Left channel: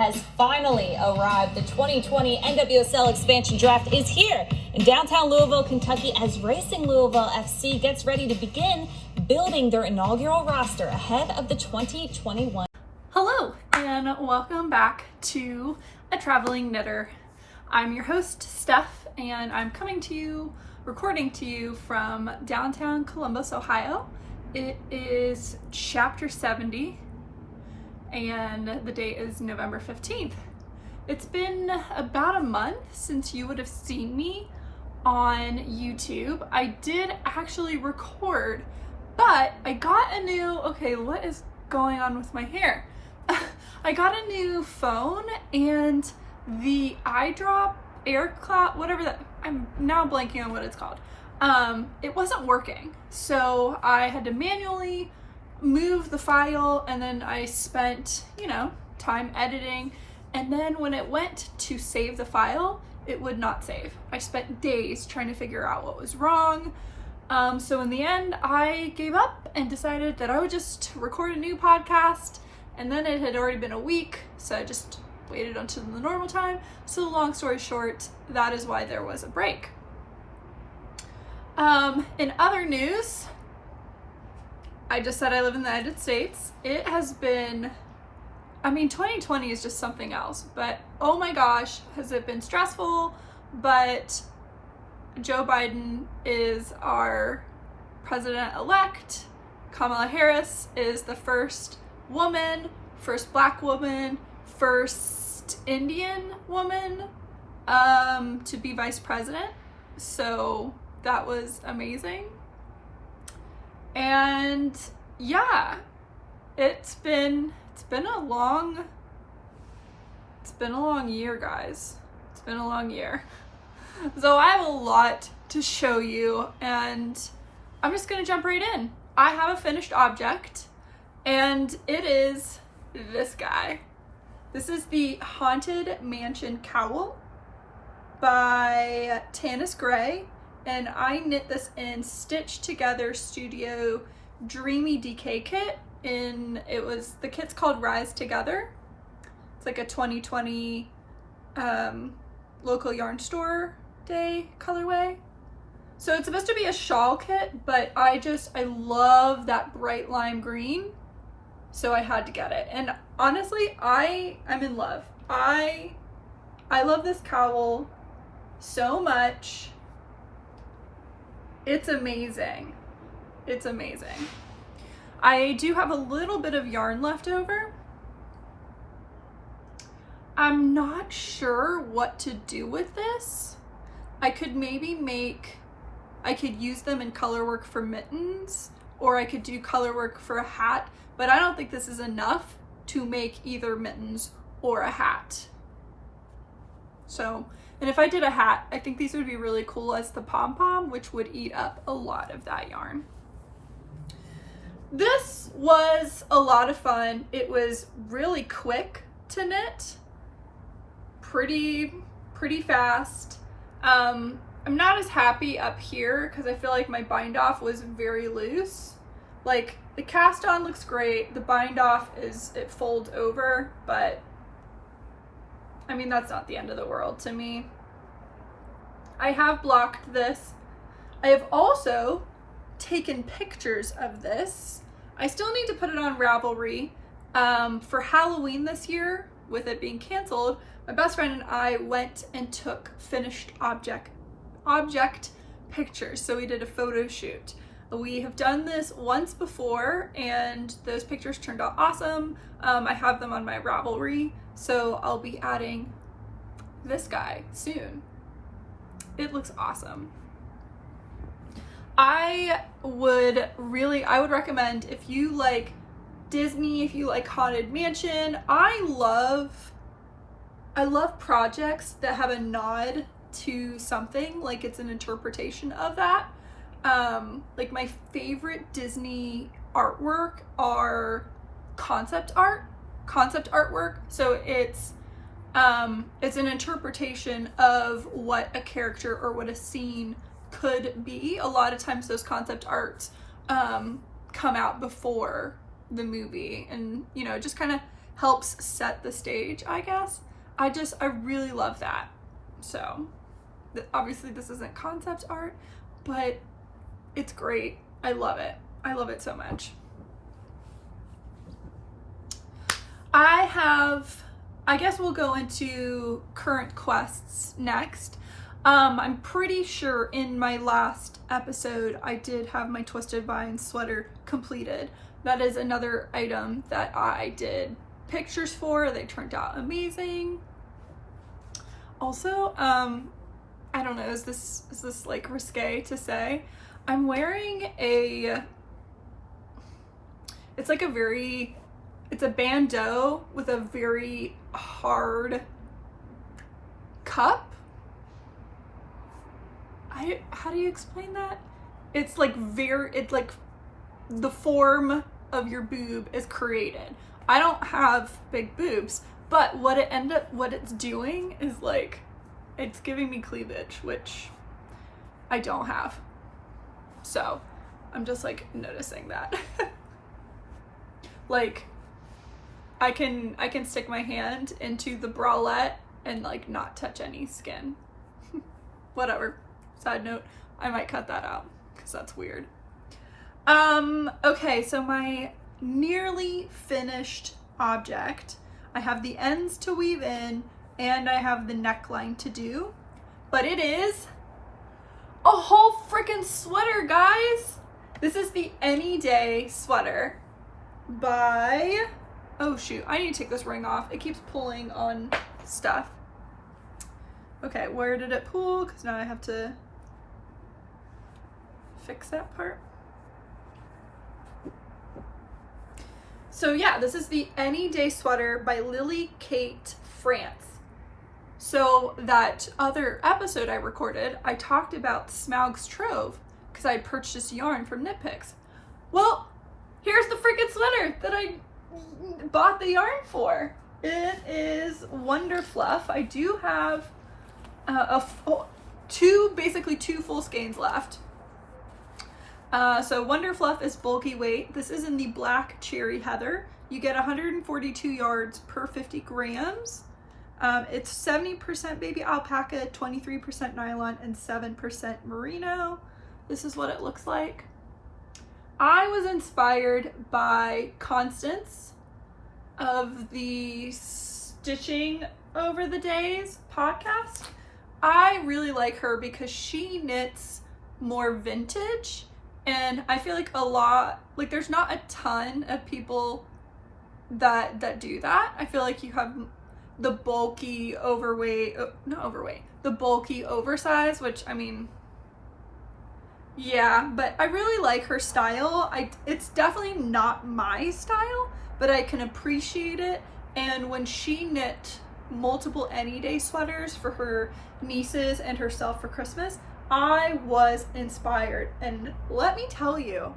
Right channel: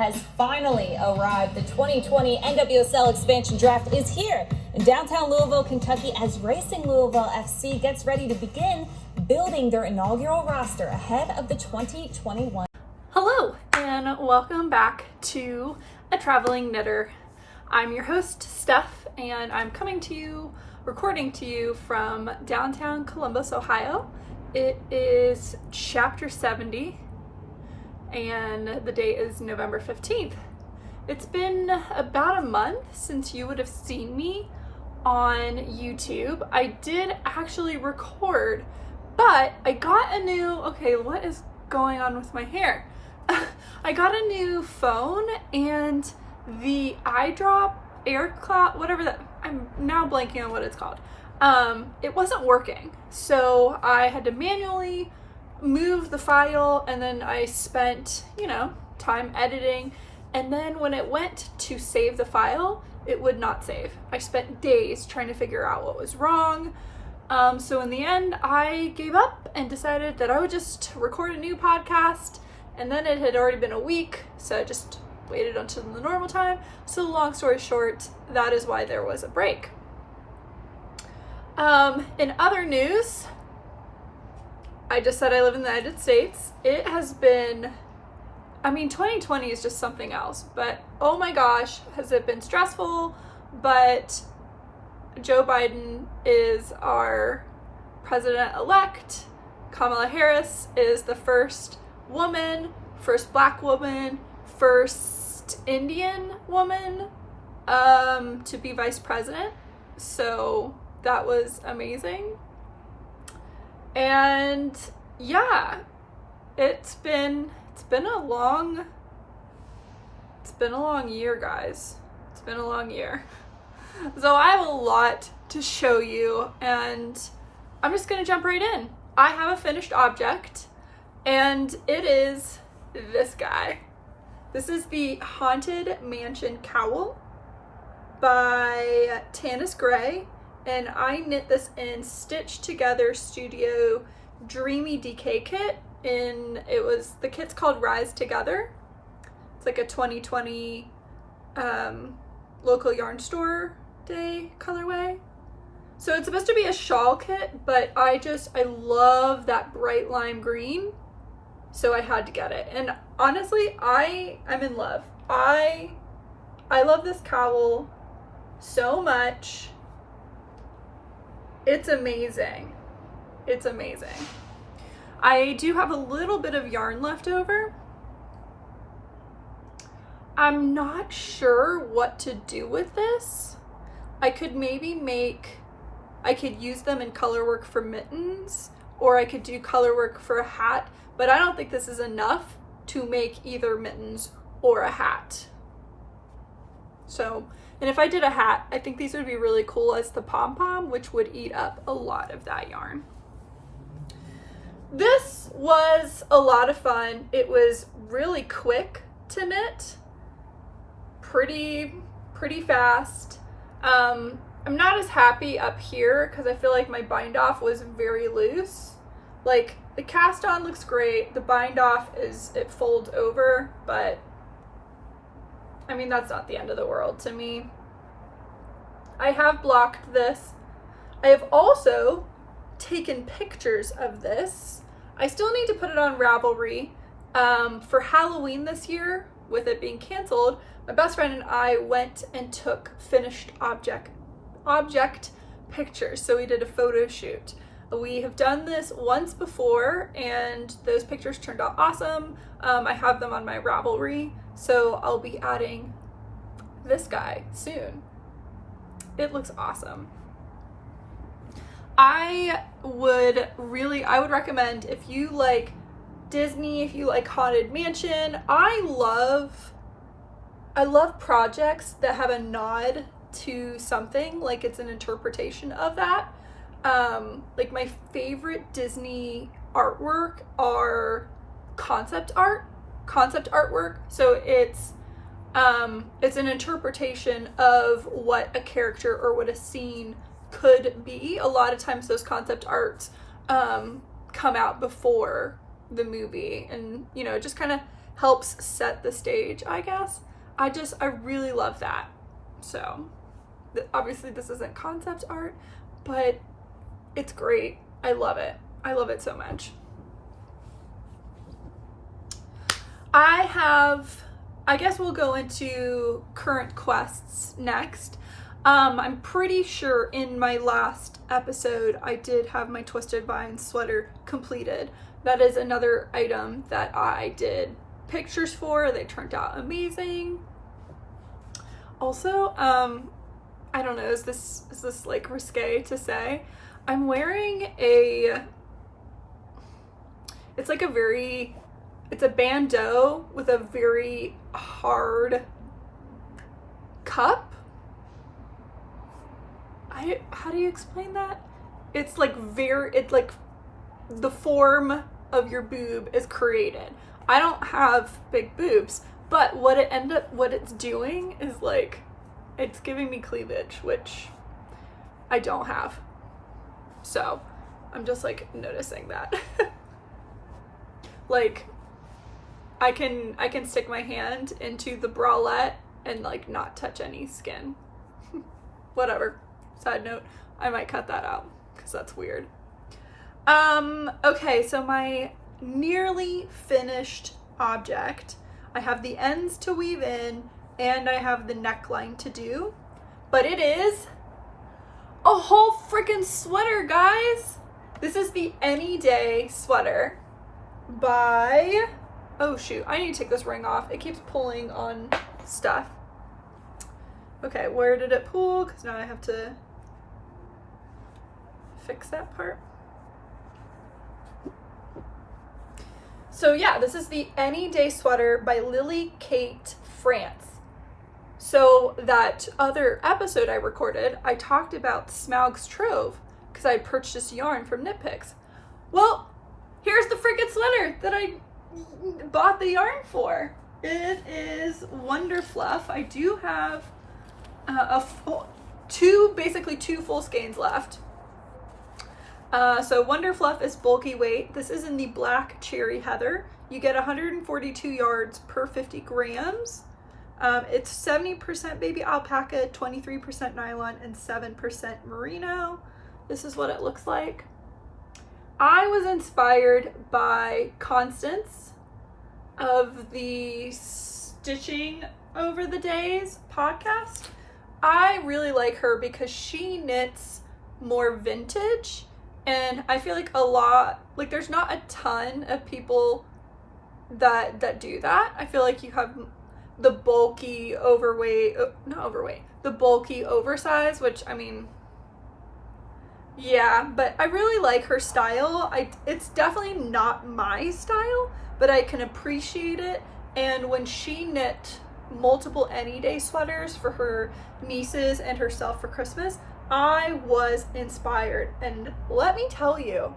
has finally arrived. The 2020 NWSL expansion draft is here in downtown Louisville, Kentucky, as Racing Louisville FC gets ready to begin building their inaugural roster ahead of the 2021. Hello, and welcome back to A Traveling Knitter. I'm your host, Steph, and I'm recording to you from downtown Columbus, Ohio. It is chapter 70, and the date is November 15th. It's been about a month since you would have seen me on YouTube. I did actually record, but I got a new, what is going on with my hair? I got a new phone, and the iDrop AirCloud, whatever that, I'm now blanking on what it's called. It wasn't working. So I had to manually move the file, and then I spent, time editing. And then when it went to save the file, it would not save. I spent days trying to figure out what was wrong. So in the end, I gave up and decided that I would just record a new podcast. And then it had already been a week, so I just waited until the normal time. So long story short, that is why there was a break. In other news, I just said I live in the United States. It has been, 2020 is just something else, but oh my gosh, has it been stressful. But Joe Biden is our president-elect. Kamala Harris is the first Black woman, first Indian woman to be vice president. So that was amazing. And yeah, it's been a long year, guys. It's been a long year. So I have a lot to show you, and I'm just gonna jump right in. I have a finished object, and it is this guy. This is the Haunted Mansion Cowl by Tanis Gray, and I knit this in Stitch Together Studio Dreamy DK kit. The kit's called Rise Together. It's like a 2020 local yarn store day colorway. So it's supposed to be a shawl kit, but I love that bright lime green, so I had to get it. And honestly, I'm in love. I love this cowl so much. It's amazing. It's amazing. I do have a little bit of yarn left over. I'm not sure what to do with this. I could use them in color work for mittens, or I could do color work for a hat, but I don't think this is enough to make either mittens or a hat. So, and if I did a hat, I think these would be really cool as the pom-pom, which would eat up a lot of that yarn. This was a lot of fun. It was really quick to knit, pretty fast. I'm not as happy up here because I feel like my bind off was very loose. Like, the cast on looks great. The bind off it folds over, but that's not the end of the world to me. I have blocked this. I have also taken pictures of this. I still need to put it on Ravelry. For Halloween this year, with it being canceled, my best friend and I went and took finished object pictures. So we did a photo shoot. We have done this once before, and those pictures turned out awesome. I have them on my Ravelry, so I'll be adding this guy soon. It looks awesome. I would recommend, if you like Disney, if you like Haunted Mansion, I love projects that have a nod to something, like it's an interpretation of that. Like, my favorite Disney artwork are concept artwork. So it's an interpretation of what a character or what a scene could be. A lot of times those concept arts come out before the movie, and just kind of helps set the stage, I guess. I really love that. So obviously this isn't concept art, but it's great. I love it. I love it so much. I guess we'll go into current quests next. I'm pretty sure in my last episode I did have my Twisted Vine sweater completed. That is another item that I did pictures for. They turned out amazing. Also, I don't know, is this like risque to say? I'm wearing it's a bandeau with a very hard cup. How do you explain that? It's like the form of your boob is created. I don't have big boobs, but what it's doing is like, it's giving me cleavage, which I don't have. So I'm just like noticing that. Like, I can stick my hand into the bralette and like not touch any skin. Whatever. Side note, I might cut that out because that's weird. Okay, so my nearly finished object, I have the ends to weave in and I have the neckline to do, but it is a whole freaking sweater, guys. This is the Any Day sweater by, oh shoot, I need to take this ring off. It keeps pulling on stuff. Okay, where did it pull? Because now I have to fix that part. So yeah, this is the Any Day sweater by Lily Kate France. So that other episode I recorded, I talked about Smaug's Trove because I purchased yarn from Knit Picks. Well, here's the freaking sweater that I bought the yarn for. It is Wonder Fluff. I do have basically two full skeins left. So Wonder Fluff is bulky weight. This is in the black cherry heather. You get 142 yards per 50 grams. It's 70% baby alpaca, 23% nylon, and 7% merino. This is what it looks like. I was inspired by Constance of the Stitching Over the Days podcast. I really like her because she knits more vintage, and I feel like there's not a ton of people that do that. I feel like you have the bulky the bulky oversized, which I mean, yeah, but I really like her style. It's definitely not my style, but I can appreciate it. And when she knit multiple Any Day sweaters for her nieces and herself for Christmas, I was inspired. And let me tell you,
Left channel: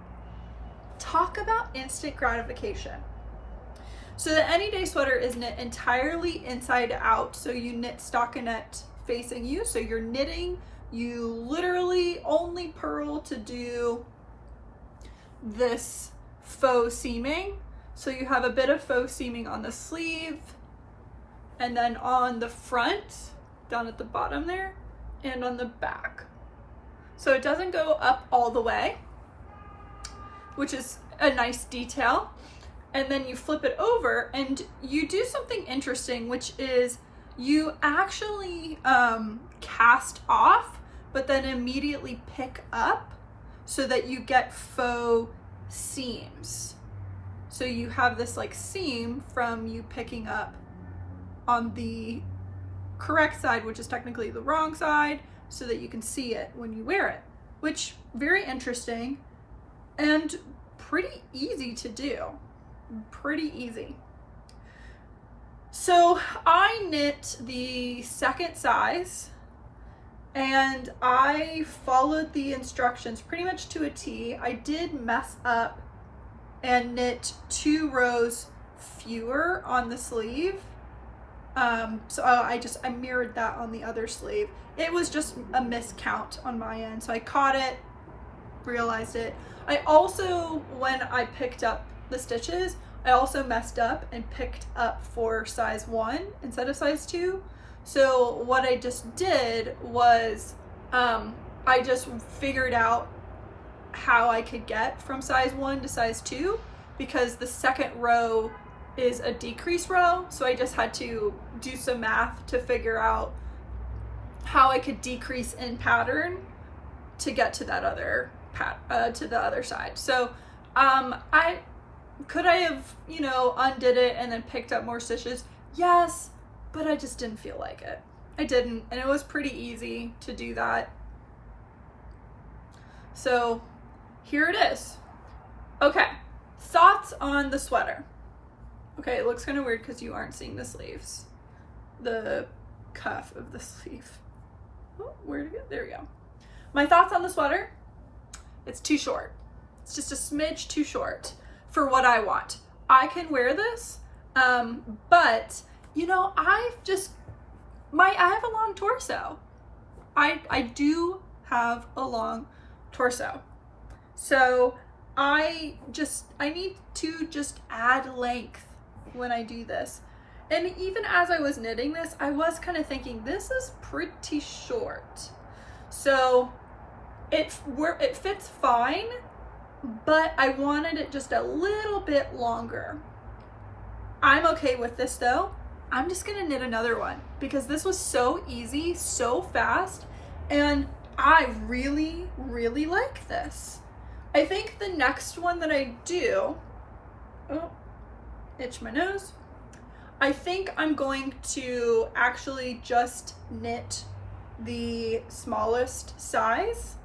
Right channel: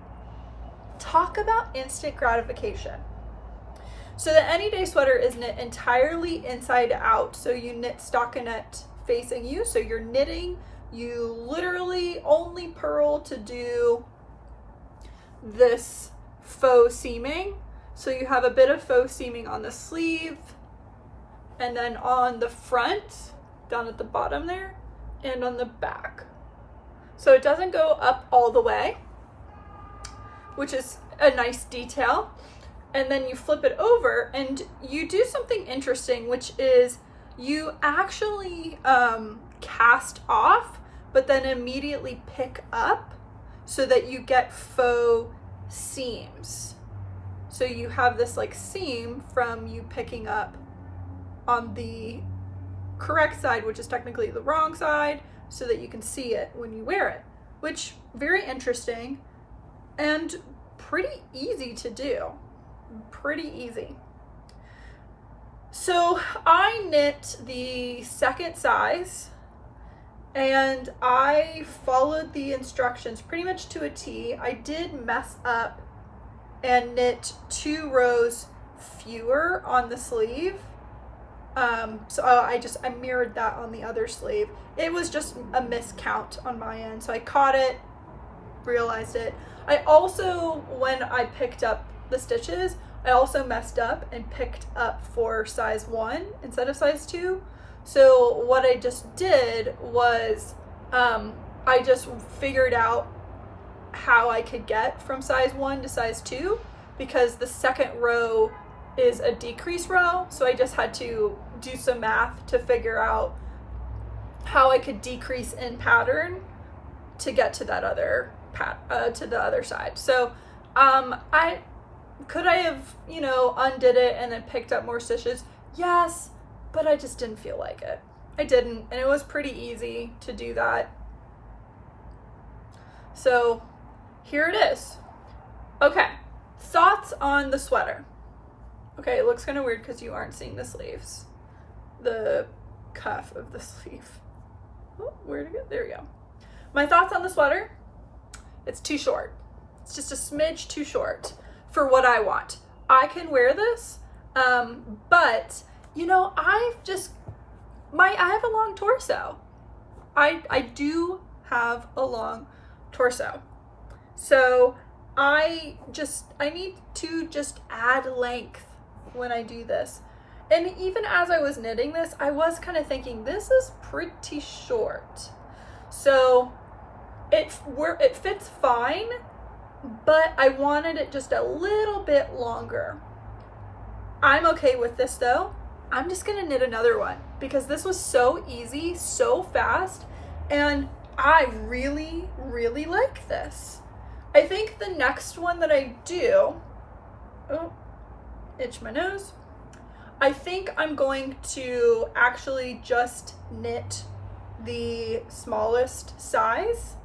talk about instant gratification. So the Any Day sweater is knit entirely inside out. So you knit stockinette facing you. So you're knitting, you literally only purl to do this faux seaming. So you have a bit of faux seaming on the sleeve and then on the front, down at the bottom there, and on the back. So it doesn't go up all the way, which is a nice detail. And then you flip it over and you do something interesting, which is you actually cast off, but then immediately pick up so that you get faux seams. So you have this like seam from you picking up on the correct side, which is technically the wrong side, so that you can see it when you wear it, which very interesting and pretty easy to do. Pretty easy. So I knit the second size and I followed the instructions pretty much to a T. I did mess up and knit 2 rows fewer on the sleeve. So I mirrored that on the other sleeve. It was just a miscount on my end. So I caught it, realized it. I also, when I picked up the stitches, I also messed up and picked up for size 1 instead of size 2. So what I just did was I just figured out how I could get from size 1 to size 2, because the second row is a decrease row. So I just had to do some math to figure out how I could decrease in pattern to get to that other to the other side. So I have, you know, undid it and then picked up more stitches. Yes, but I just didn't feel like it. I didn't, and it was pretty easy to do that. So here it is. Okay, thoughts on the sweater. Okay, it looks kind of weird because you aren't seeing the sleeves, the cuff of the sleeve. Oh, where'd it go? There we go. My thoughts on the sweater: it's too short. It's just a smidge too short for what I want. I can wear this, but you know, I have a long torso. I do have a long torso. So I need to just add length when I do this. And even as I was knitting this, I was kind of thinking, this is pretty short. So it fits fine, but I wanted it just a little bit longer. I'm okay with this though. I'm just gonna knit another one because this was so easy, so fast, and I really, really like this. I think the next one that I do, oh, itch my nose. I think I'm going to actually just knit the smallest size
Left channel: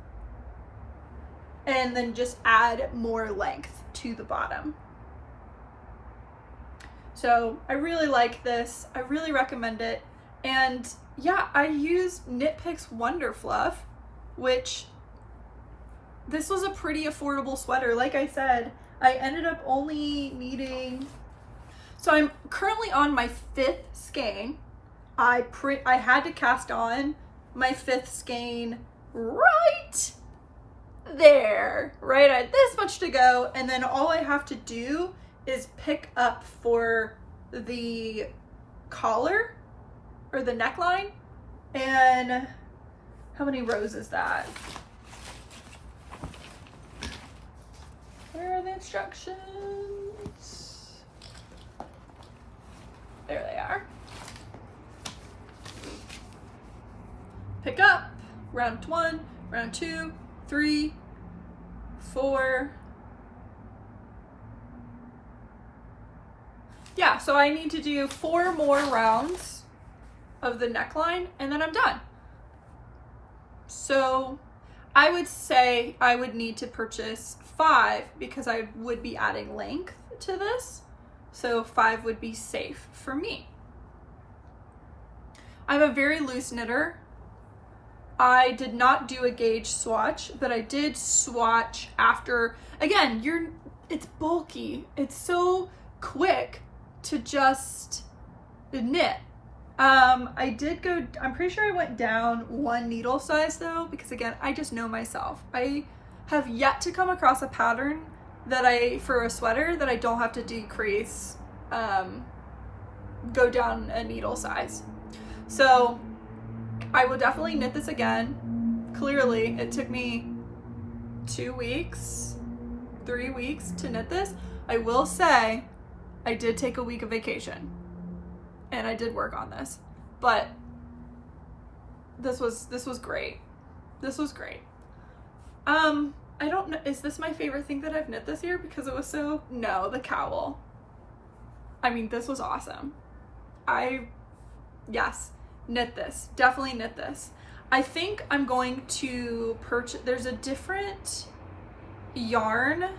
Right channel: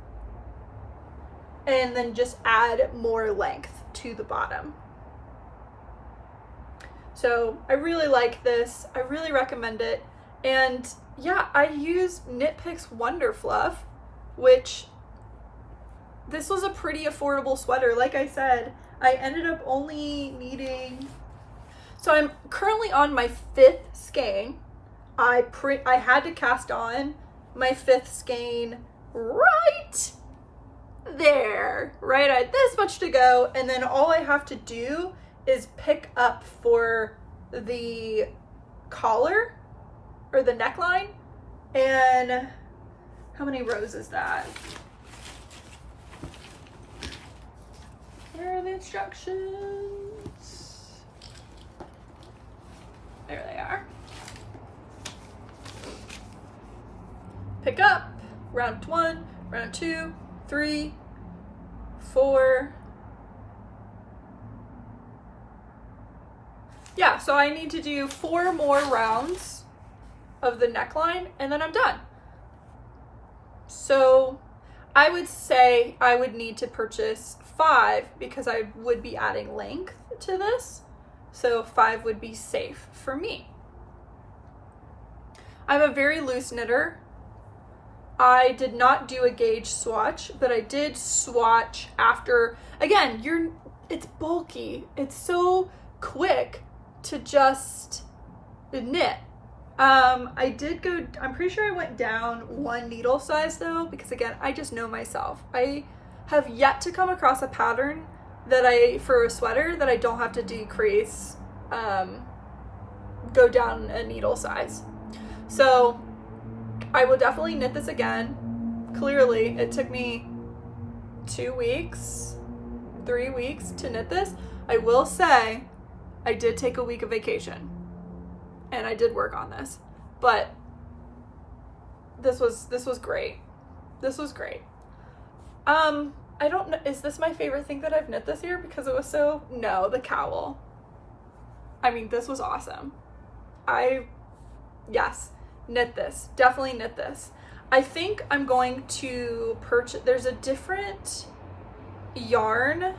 and then just add more length to the bottom. So I really like this. I really recommend it. And yeah, I use Knit Picks Wonder Fluff, which this was a pretty affordable sweater. Like I said, I ended up only needing, so I'm currently on my 5th skein. I had to cast on my 5th skein right there, right? I had this much to go, and then all I have to do is pick up for the collar or the neckline. And how many rows is that? Where are the instructions? There they are. Pick up, round 1, round 2, 3, 4. Yeah, so I need to do 4 more rounds of the neckline and then I'm done. So I would say I would need to purchase 5 because I would be adding length to this. So 5 would be safe for me. I'm a very loose knitter. I did not do a gauge swatch, but I did swatch after. Again, it's bulky. It's so quick to just knit. I'm pretty sure I went down 1 needle size though, because again, I just know myself. I have yet to come across a pattern for a sweater that I don't have to decrease, go down a needle size. So I will definitely knit this again. Clearly, it took me 2 weeks, 3 weeks to knit this. I will say I did take a week of vacation and I did work on this, but this was great. This was great. I don't know, is this my favorite thing that I've knit this year? Because it was no, the cowl. I mean, this was awesome. Yes, knit this, definitely knit this. I think I'm going to purchase, there's a different yarn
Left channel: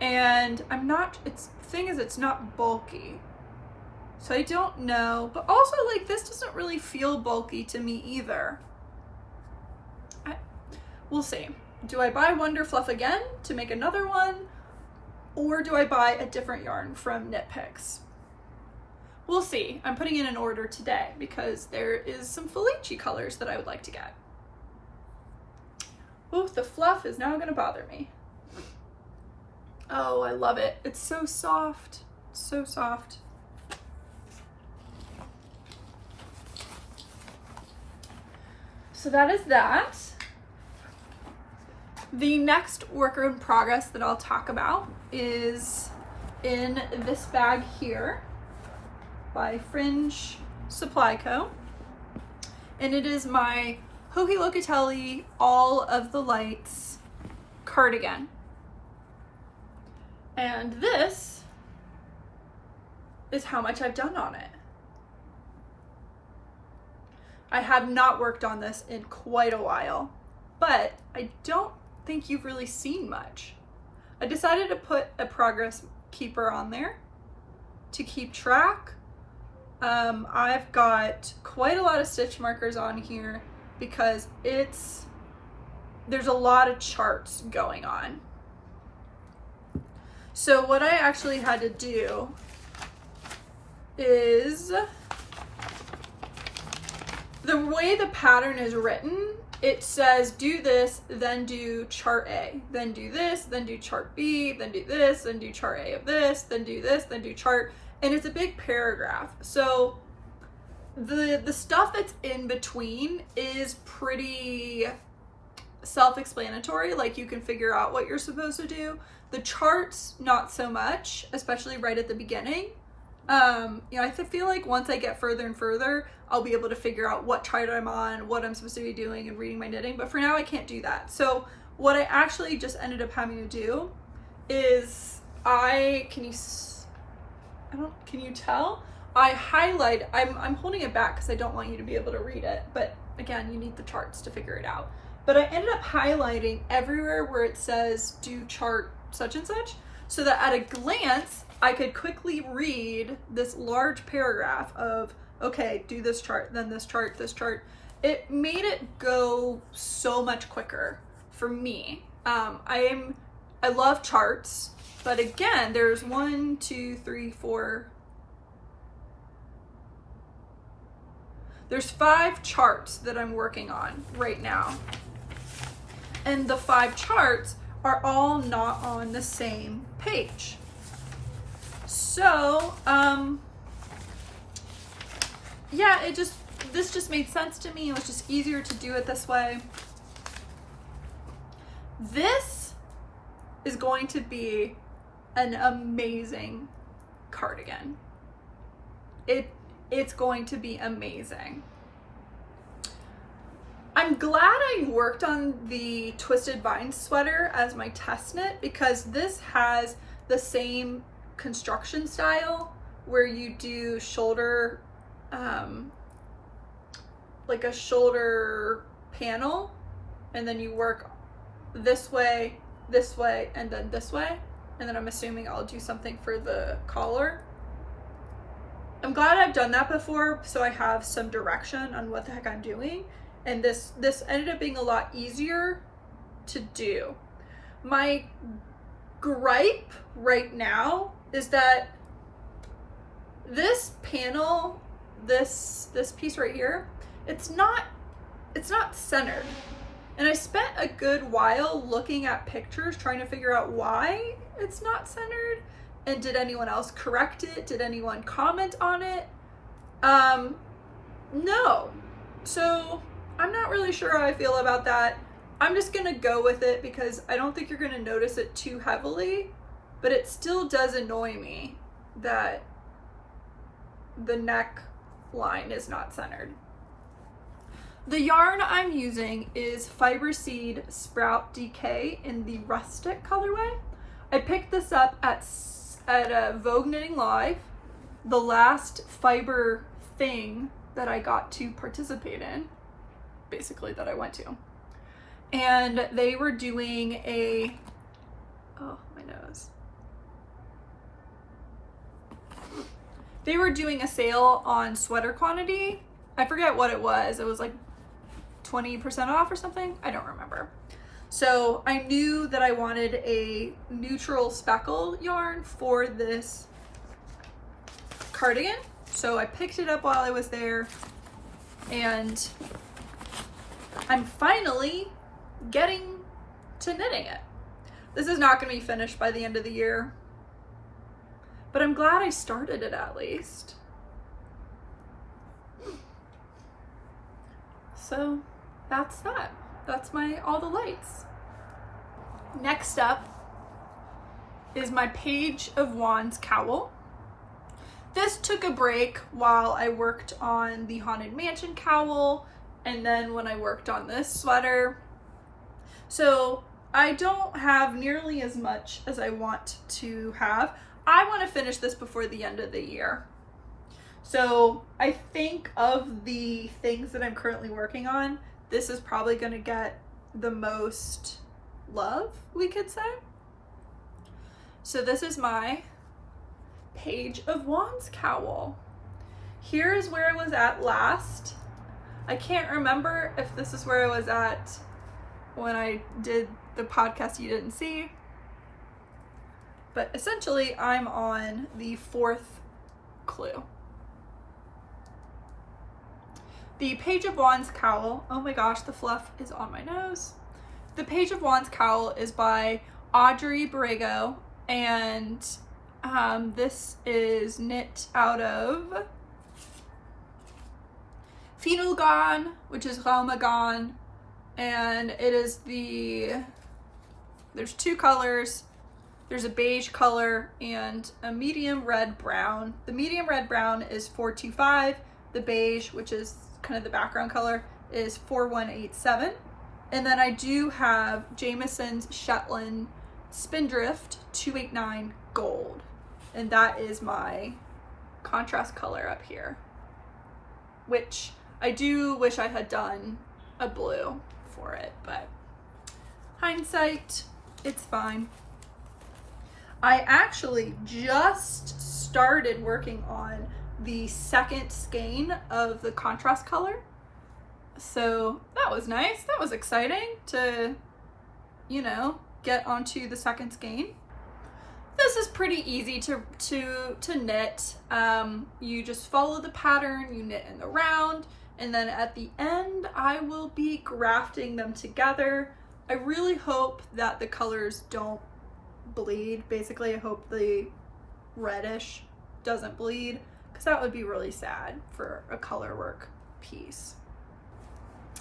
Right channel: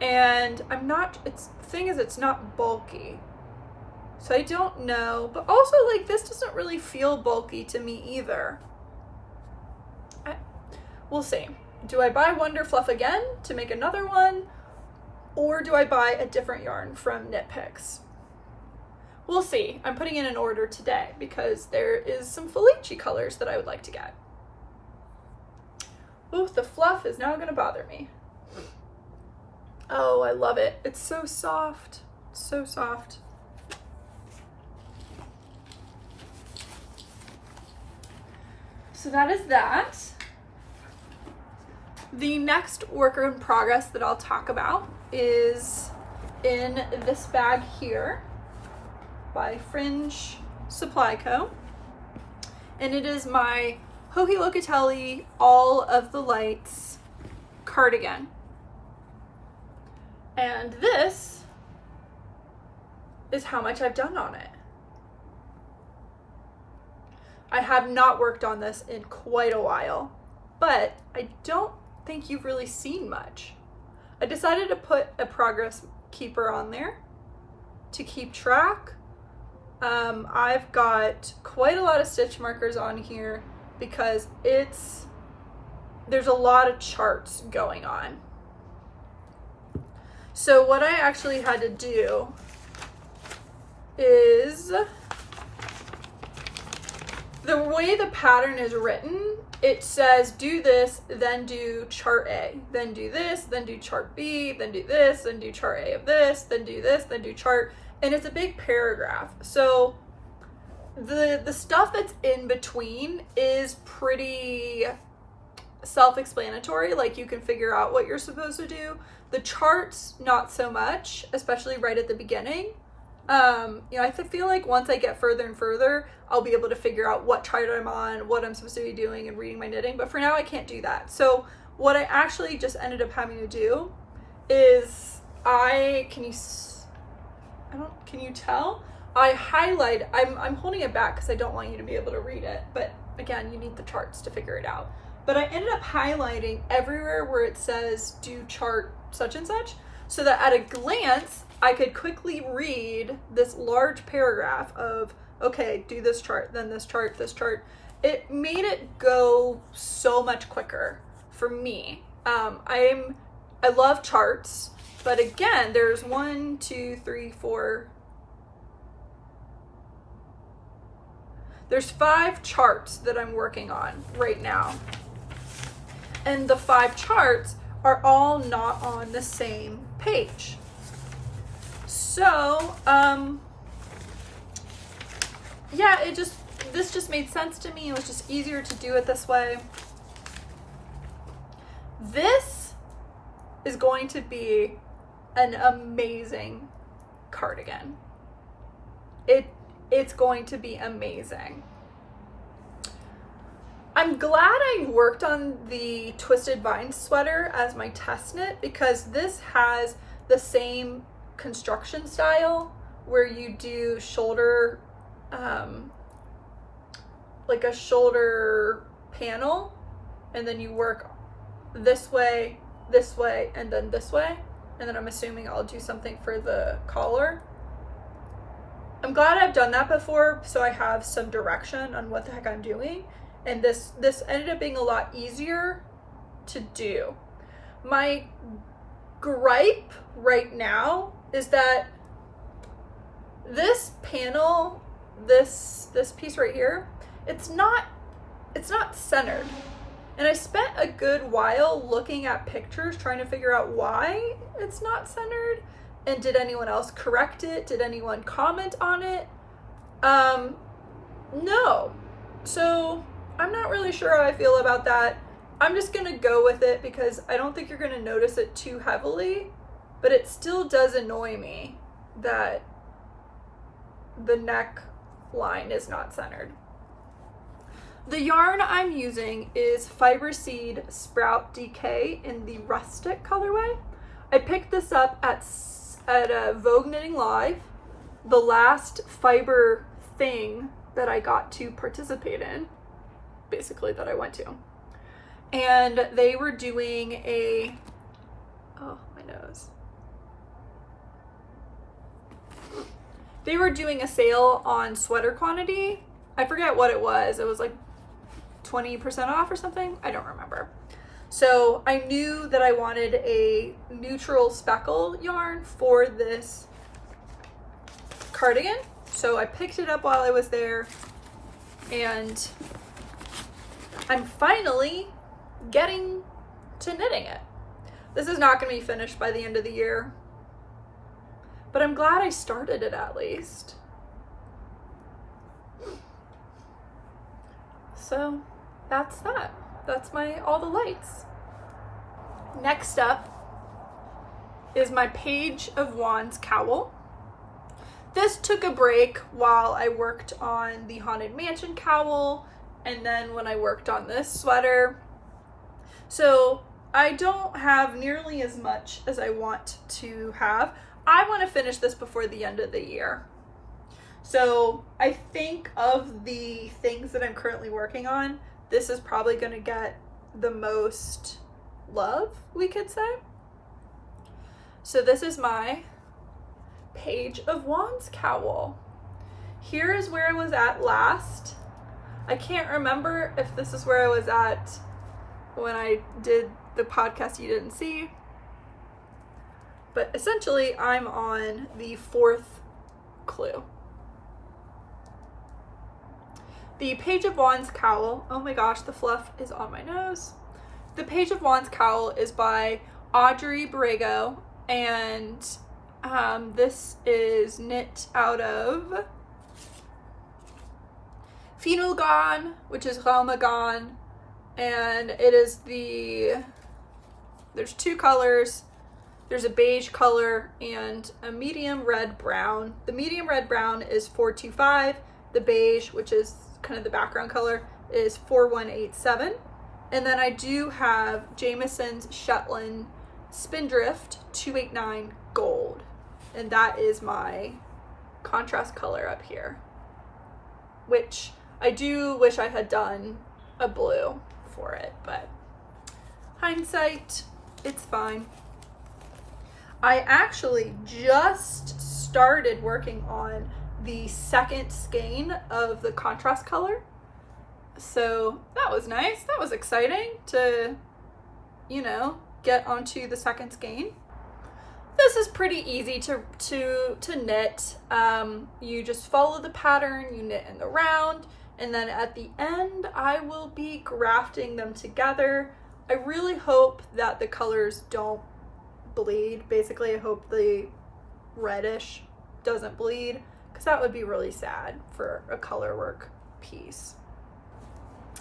and it's not bulky. So I don't know, but also like this doesn't really feel bulky to me either. We'll see. Do I buy Wonder Fluff again to make another one? Or do I buy a different yarn from Knit Picks? We'll see. I'm putting in an order today because there is some Felici colors that I would like to get. Ooh, the fluff is now gonna bother me. Oh, I love it. It's so soft. It's so soft. So that is that. The next work in progress that I'll talk about is in this bag here by Fringe Supply Co. And it is my Hohi Locatelli All of the Lights cardigan. And this is how much I've done on it. I have not worked on this in quite a while, but I don't think you've really seen much. I decided to put a progress keeper on there to keep track. I've got quite a lot of stitch markers on here because there's a lot of charts going on. So what I actually had to do is, the way the pattern is written, it says do this, then do chart A, then do this, then do chart B, then do this, then do chart A of this, then do this, then do chart, and it's a big paragraph. So the stuff that's in between is pretty self-explanatory, like you can figure out what you're supposed to do. The charts, not so much, especially right at the beginning. I feel like once I get further and further, I'll be able to figure out what chart I'm on, what I'm supposed to be doing and reading my knitting, but for now I can't do that. So what I actually just ended up having to do is can you tell? I highlight, I'm holding it back because I don't want you to be able to read it, but again, you need the charts to figure it out. But I ended up highlighting everywhere where it says do chart such and such, so that at a glance, I could quickly read this large paragraph of, okay, do this chart, then this chart, this chart. It made it go so much quicker for me. I love charts, but again, there's 1, 2, 3, 4. There's 5 charts that I'm working on right now. And the 5 charts are all not on the same page. So, yeah, this just made sense to me. It was just easier to do it this way. This is going to be an amazing cardigan. It's going to be amazing. I'm glad I worked on the Twisted Vines sweater as my test knit because this has the same construction style where you do shoulder, like a shoulder panel, and then you work this way, and then this way. And then I'm assuming I'll do something for the collar. I'm glad I've done that before, so I have some direction on what the heck I'm doing. And this ended up being a lot easier to do. My gripe right now is that this panel, this piece right here, it's not centered. And I spent a good while looking at pictures trying to figure out why it's not centered. And did anyone else correct it? Did anyone comment on it? No. So I'm not really sure how I feel about that. I'm just gonna go with it because I don't think you're gonna notice it too heavily, but it still does annoy me that the neck line is not centered. The yarn I'm using is Fiber Seed Sprout DK in the rustic colorway. I picked this up at a Vogue Knitting Live, the last fiber thing that I got to participate in, basically, that I went to. And they were doing They were doing a sale on sweater quantity. I forget what it was. It was like 20% off or something. I don't remember. So I knew that I wanted a neutral speckle yarn for this cardigan. So I picked it up while I was there, and I'm finally getting to knitting it. This is not going to be finished by the end of the year, but I'm glad I started it at least. So that's that. That's all the lights. Next up is my Page of Wands cowl. This took a break while I worked on the Haunted Mansion cowl, and then when I worked on this sweater. So I don't have nearly as much as I want to have. I want to finish this before the end of the year. So I think of the things that I'm currently working on, this is probably going to get the most love, we could say. So this is my Page of Wands cowl. Here is where I was at last. I can't remember if this is where I was at when I did the podcast you didn't see, but essentially I'm on the 4th clue. The Page of Wands cowl, oh my gosh, the fluff is on my nose. The Page of Wands cowl is by Audrey Borrego, and this is knit out of Finulgon, which is Raumagon, and it is there's 2 colors. There's a beige color and a medium red brown. The medium red brown is 425. The beige, which is kind of the background color, is 4187. And then I do have Jamieson's Shetland Spindrift 289 gold. And that is my contrast color up here, which I do wish I had done a blue for it, but hindsight, it's fine. I actually just started working on the 2nd skein of the contrast color. So that was nice. That was exciting to, you know, get onto the 2nd skein. This is pretty easy to knit. You just follow the pattern, you knit in the round, and then at the end I will be grafting them together. I really hope that the colors don't bleed. Basically, I hope the reddish doesn't bleed, because that would be really sad for a color work piece.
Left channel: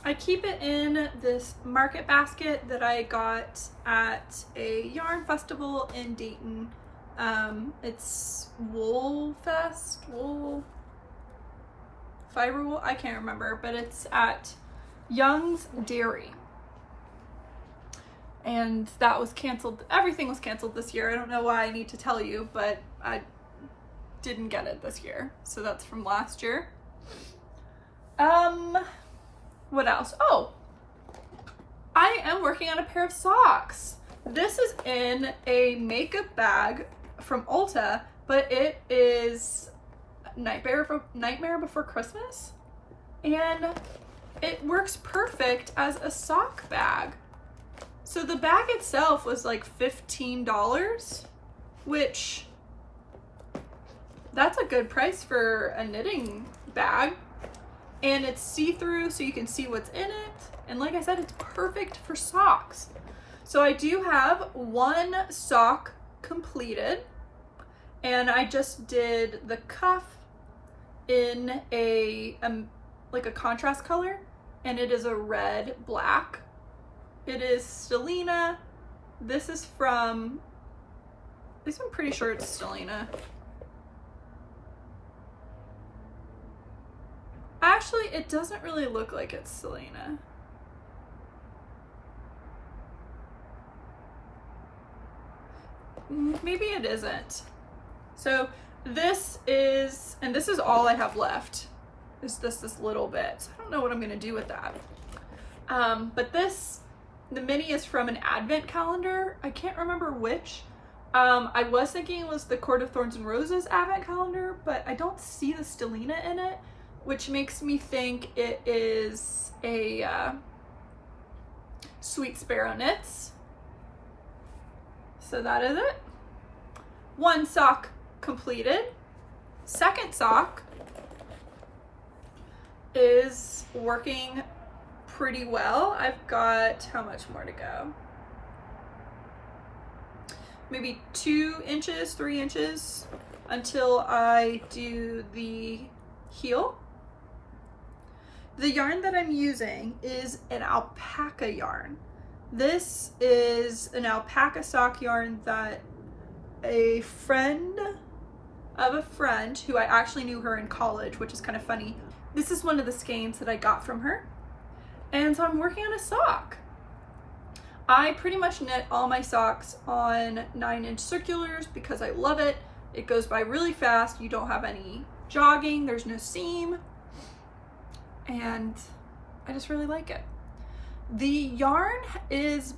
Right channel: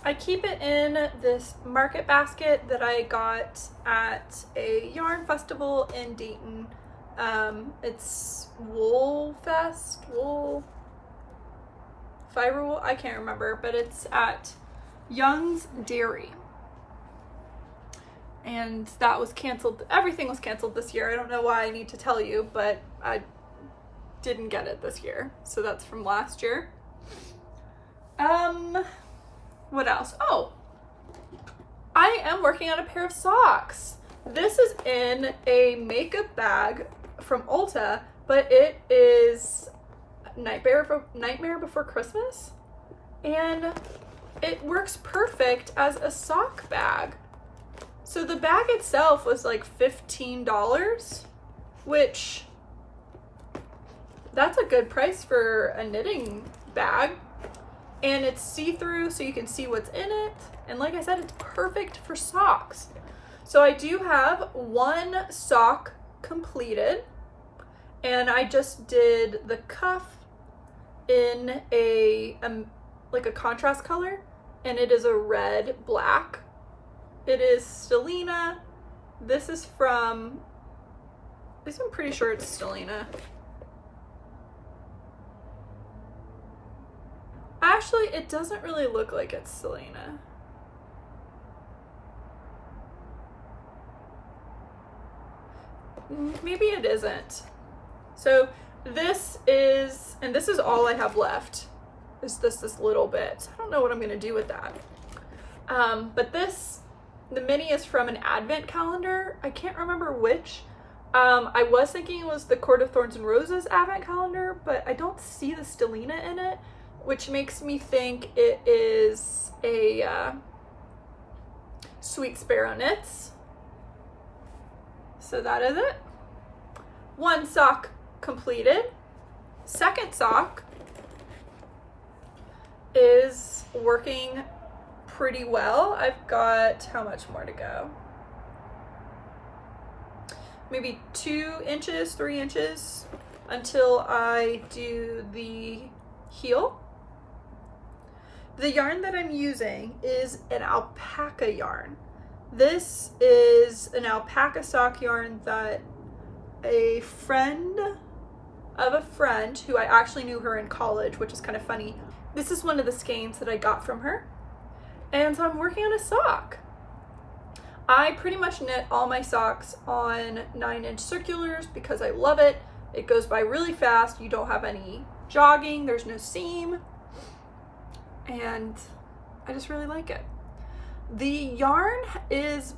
I keep it in this market basket that I got at a yarn festival in Dayton. It's Wool Fest, Fiber Wool, I can't remember, but it's at Young's Dairy. And that was canceled. Everything was canceled this year. I don't know why I need to tell you, but I didn't get it this year. So that's from last year. What else? Oh, I am working on a pair of socks. This is in a makeup bag from Ulta, but it is Nightmare Before Christmas, and it works perfect as a sock bag. So the bag itself was like $15, which that's a good price for a knitting bag. And it's see-through, so you can see what's in it. And like I said, it's perfect for socks. So I do have 1 sock completed, and I just did the cuff in like a contrast color, and it is a red black. It is Stellina. This is from, at least I'm pretty sure it's Stellina. Actually, it doesn't really look like it's Stellina. Maybe it isn't. So this is, and this is all I have left, is this little bit. So I don't know what I'm gonna do with that. But the mini is from an advent calendar. I can't remember which. I was thinking it was the Court of Thorns and Roses advent calendar, but I don't see the Stellina in it, which makes me think it is a Sweet Sparrow Knits. So that is it. 1 sock completed. 2nd sock is working pretty well. I've got, how much more to go? Maybe 2 inches, 3 inches. until I do the heel. The yarn that I'm using is an alpaca yarn. This is an alpaca sock yarn that a friend of a friend, who I actually knew her in college, which is kind of funny. This is one of the skeins that I got from her. And so I'm working on a sock. I pretty much knit all my socks on 9-inch circulars because I love it. It goes by really fast. You don't have any jogging, there's no seam. And I just really like it. The yarn is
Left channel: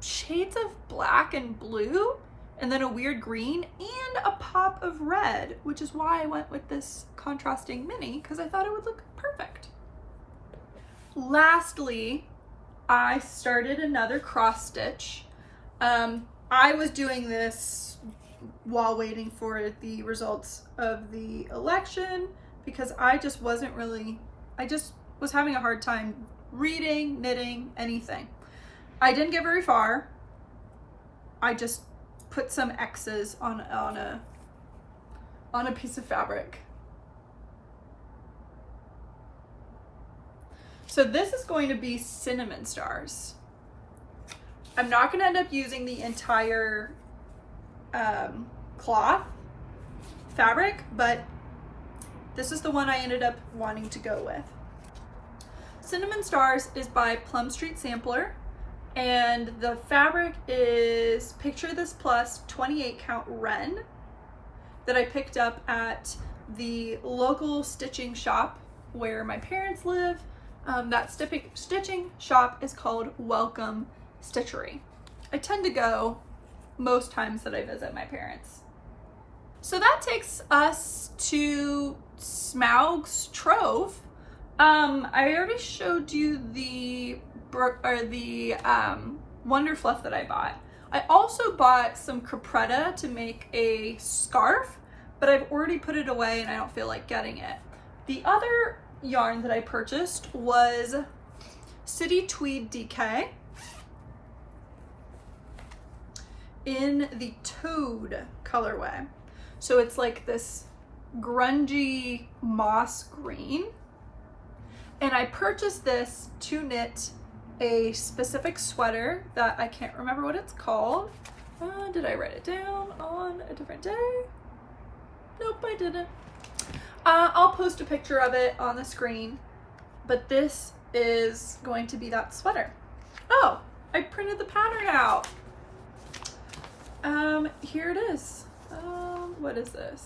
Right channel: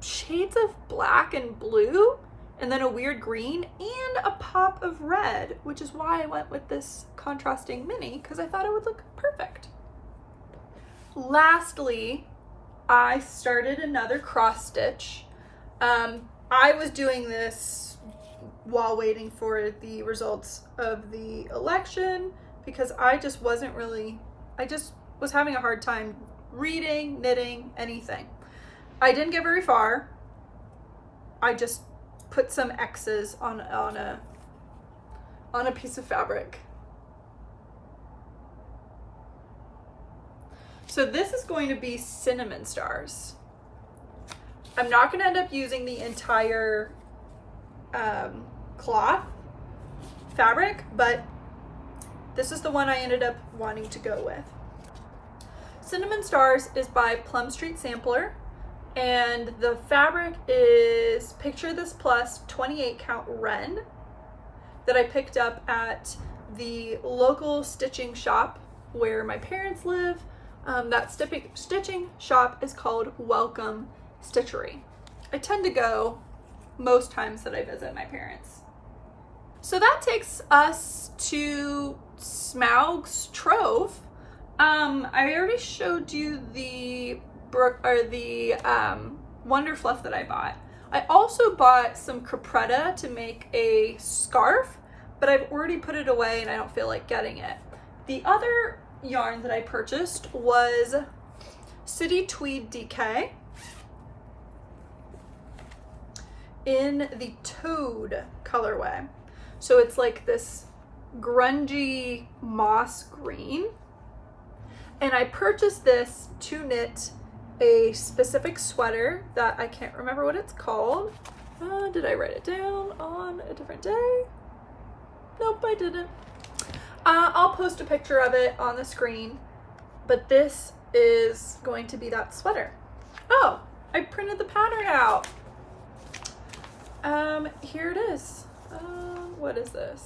shades of black and blue, and then a weird green and a pop of red, which is why I went with this contrasting mini, because I thought it would look perfect. Lastly, I started another cross stitch. I was doing this while waiting for the results of the election because I just was having a hard time reading, knitting, anything. I didn't get very far. I just put some X's on a piece of fabric. So this is going to be cinnamon stars. I'm not going to end up using the entire cloth fabric, but this is the one I ended up wanting to go with. Cinnamon Stars is by Plum Street Sampler, and the fabric is Picture This Plus 28 count Ren that I picked up at the local stitching shop where my parents live. That stitching shop is called Welcome Stitchery. I tend to go most times that I visit my parents. So that takes us to Smaug's Trove. I already showed you the Wonder Fluff that I bought. I also bought some Capretta to make a scarf, but I've already put it away and I don't feel like getting it. The other yarn that I purchased was City Tweed DK in the Toad colorway. So it's like this grungy moss green. And I purchased this to knit a specific sweater that I can't remember what it's called. Did I write it down on a different day? Nope, I didn't. I'll post a picture of it on the screen, but this is going to be that sweater. Oh, I printed the pattern out. Here it is. What is this?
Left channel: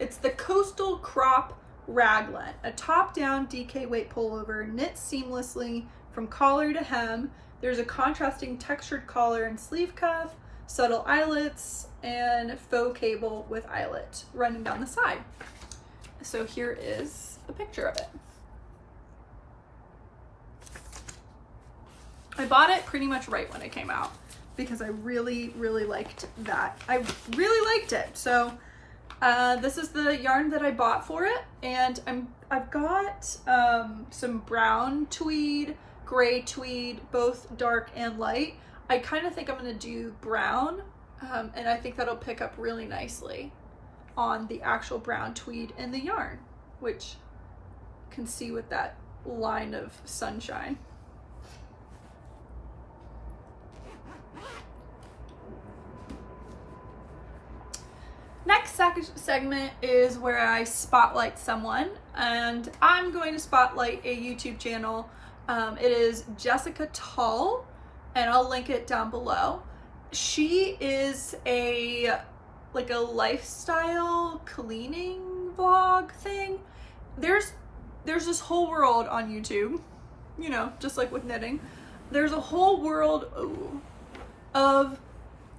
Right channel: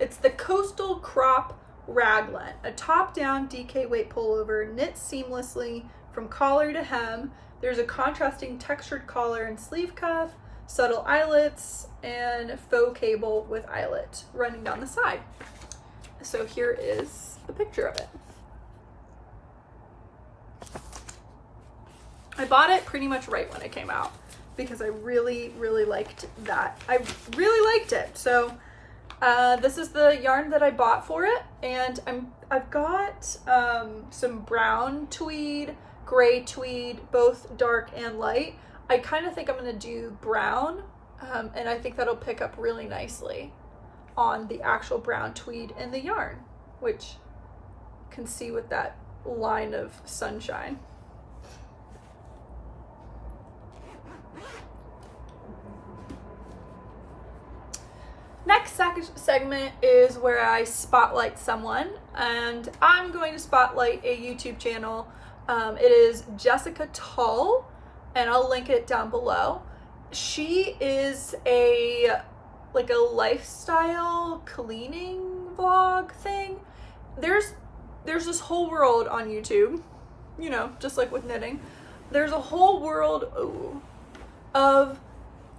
It's the Coastal Crop Raglan, a top-down DK weight pullover knit seamlessly from collar to hem. There's a contrasting textured collar and sleeve cuff, subtle eyelets, and faux cable with eyelet running down the side. So here is a picture of it. I bought it pretty much right when it came out because I really, really liked that. I really liked it. So this is the yarn that I bought for it, and I've got some brown tweed, gray tweed, both dark and light. I kind of think I'm gonna do brown, and I think that'll pick up really nicely on the actual brown tweed in the yarn, which you can see with that line of sunshine. Next segment is where I spotlight someone, and I'm going to spotlight a YouTube channel. It is Jessica Tull, and I'll link it down below. She is a lifestyle cleaning vlog thing. There's this whole world on YouTube, you know, just like with knitting. There's a whole world of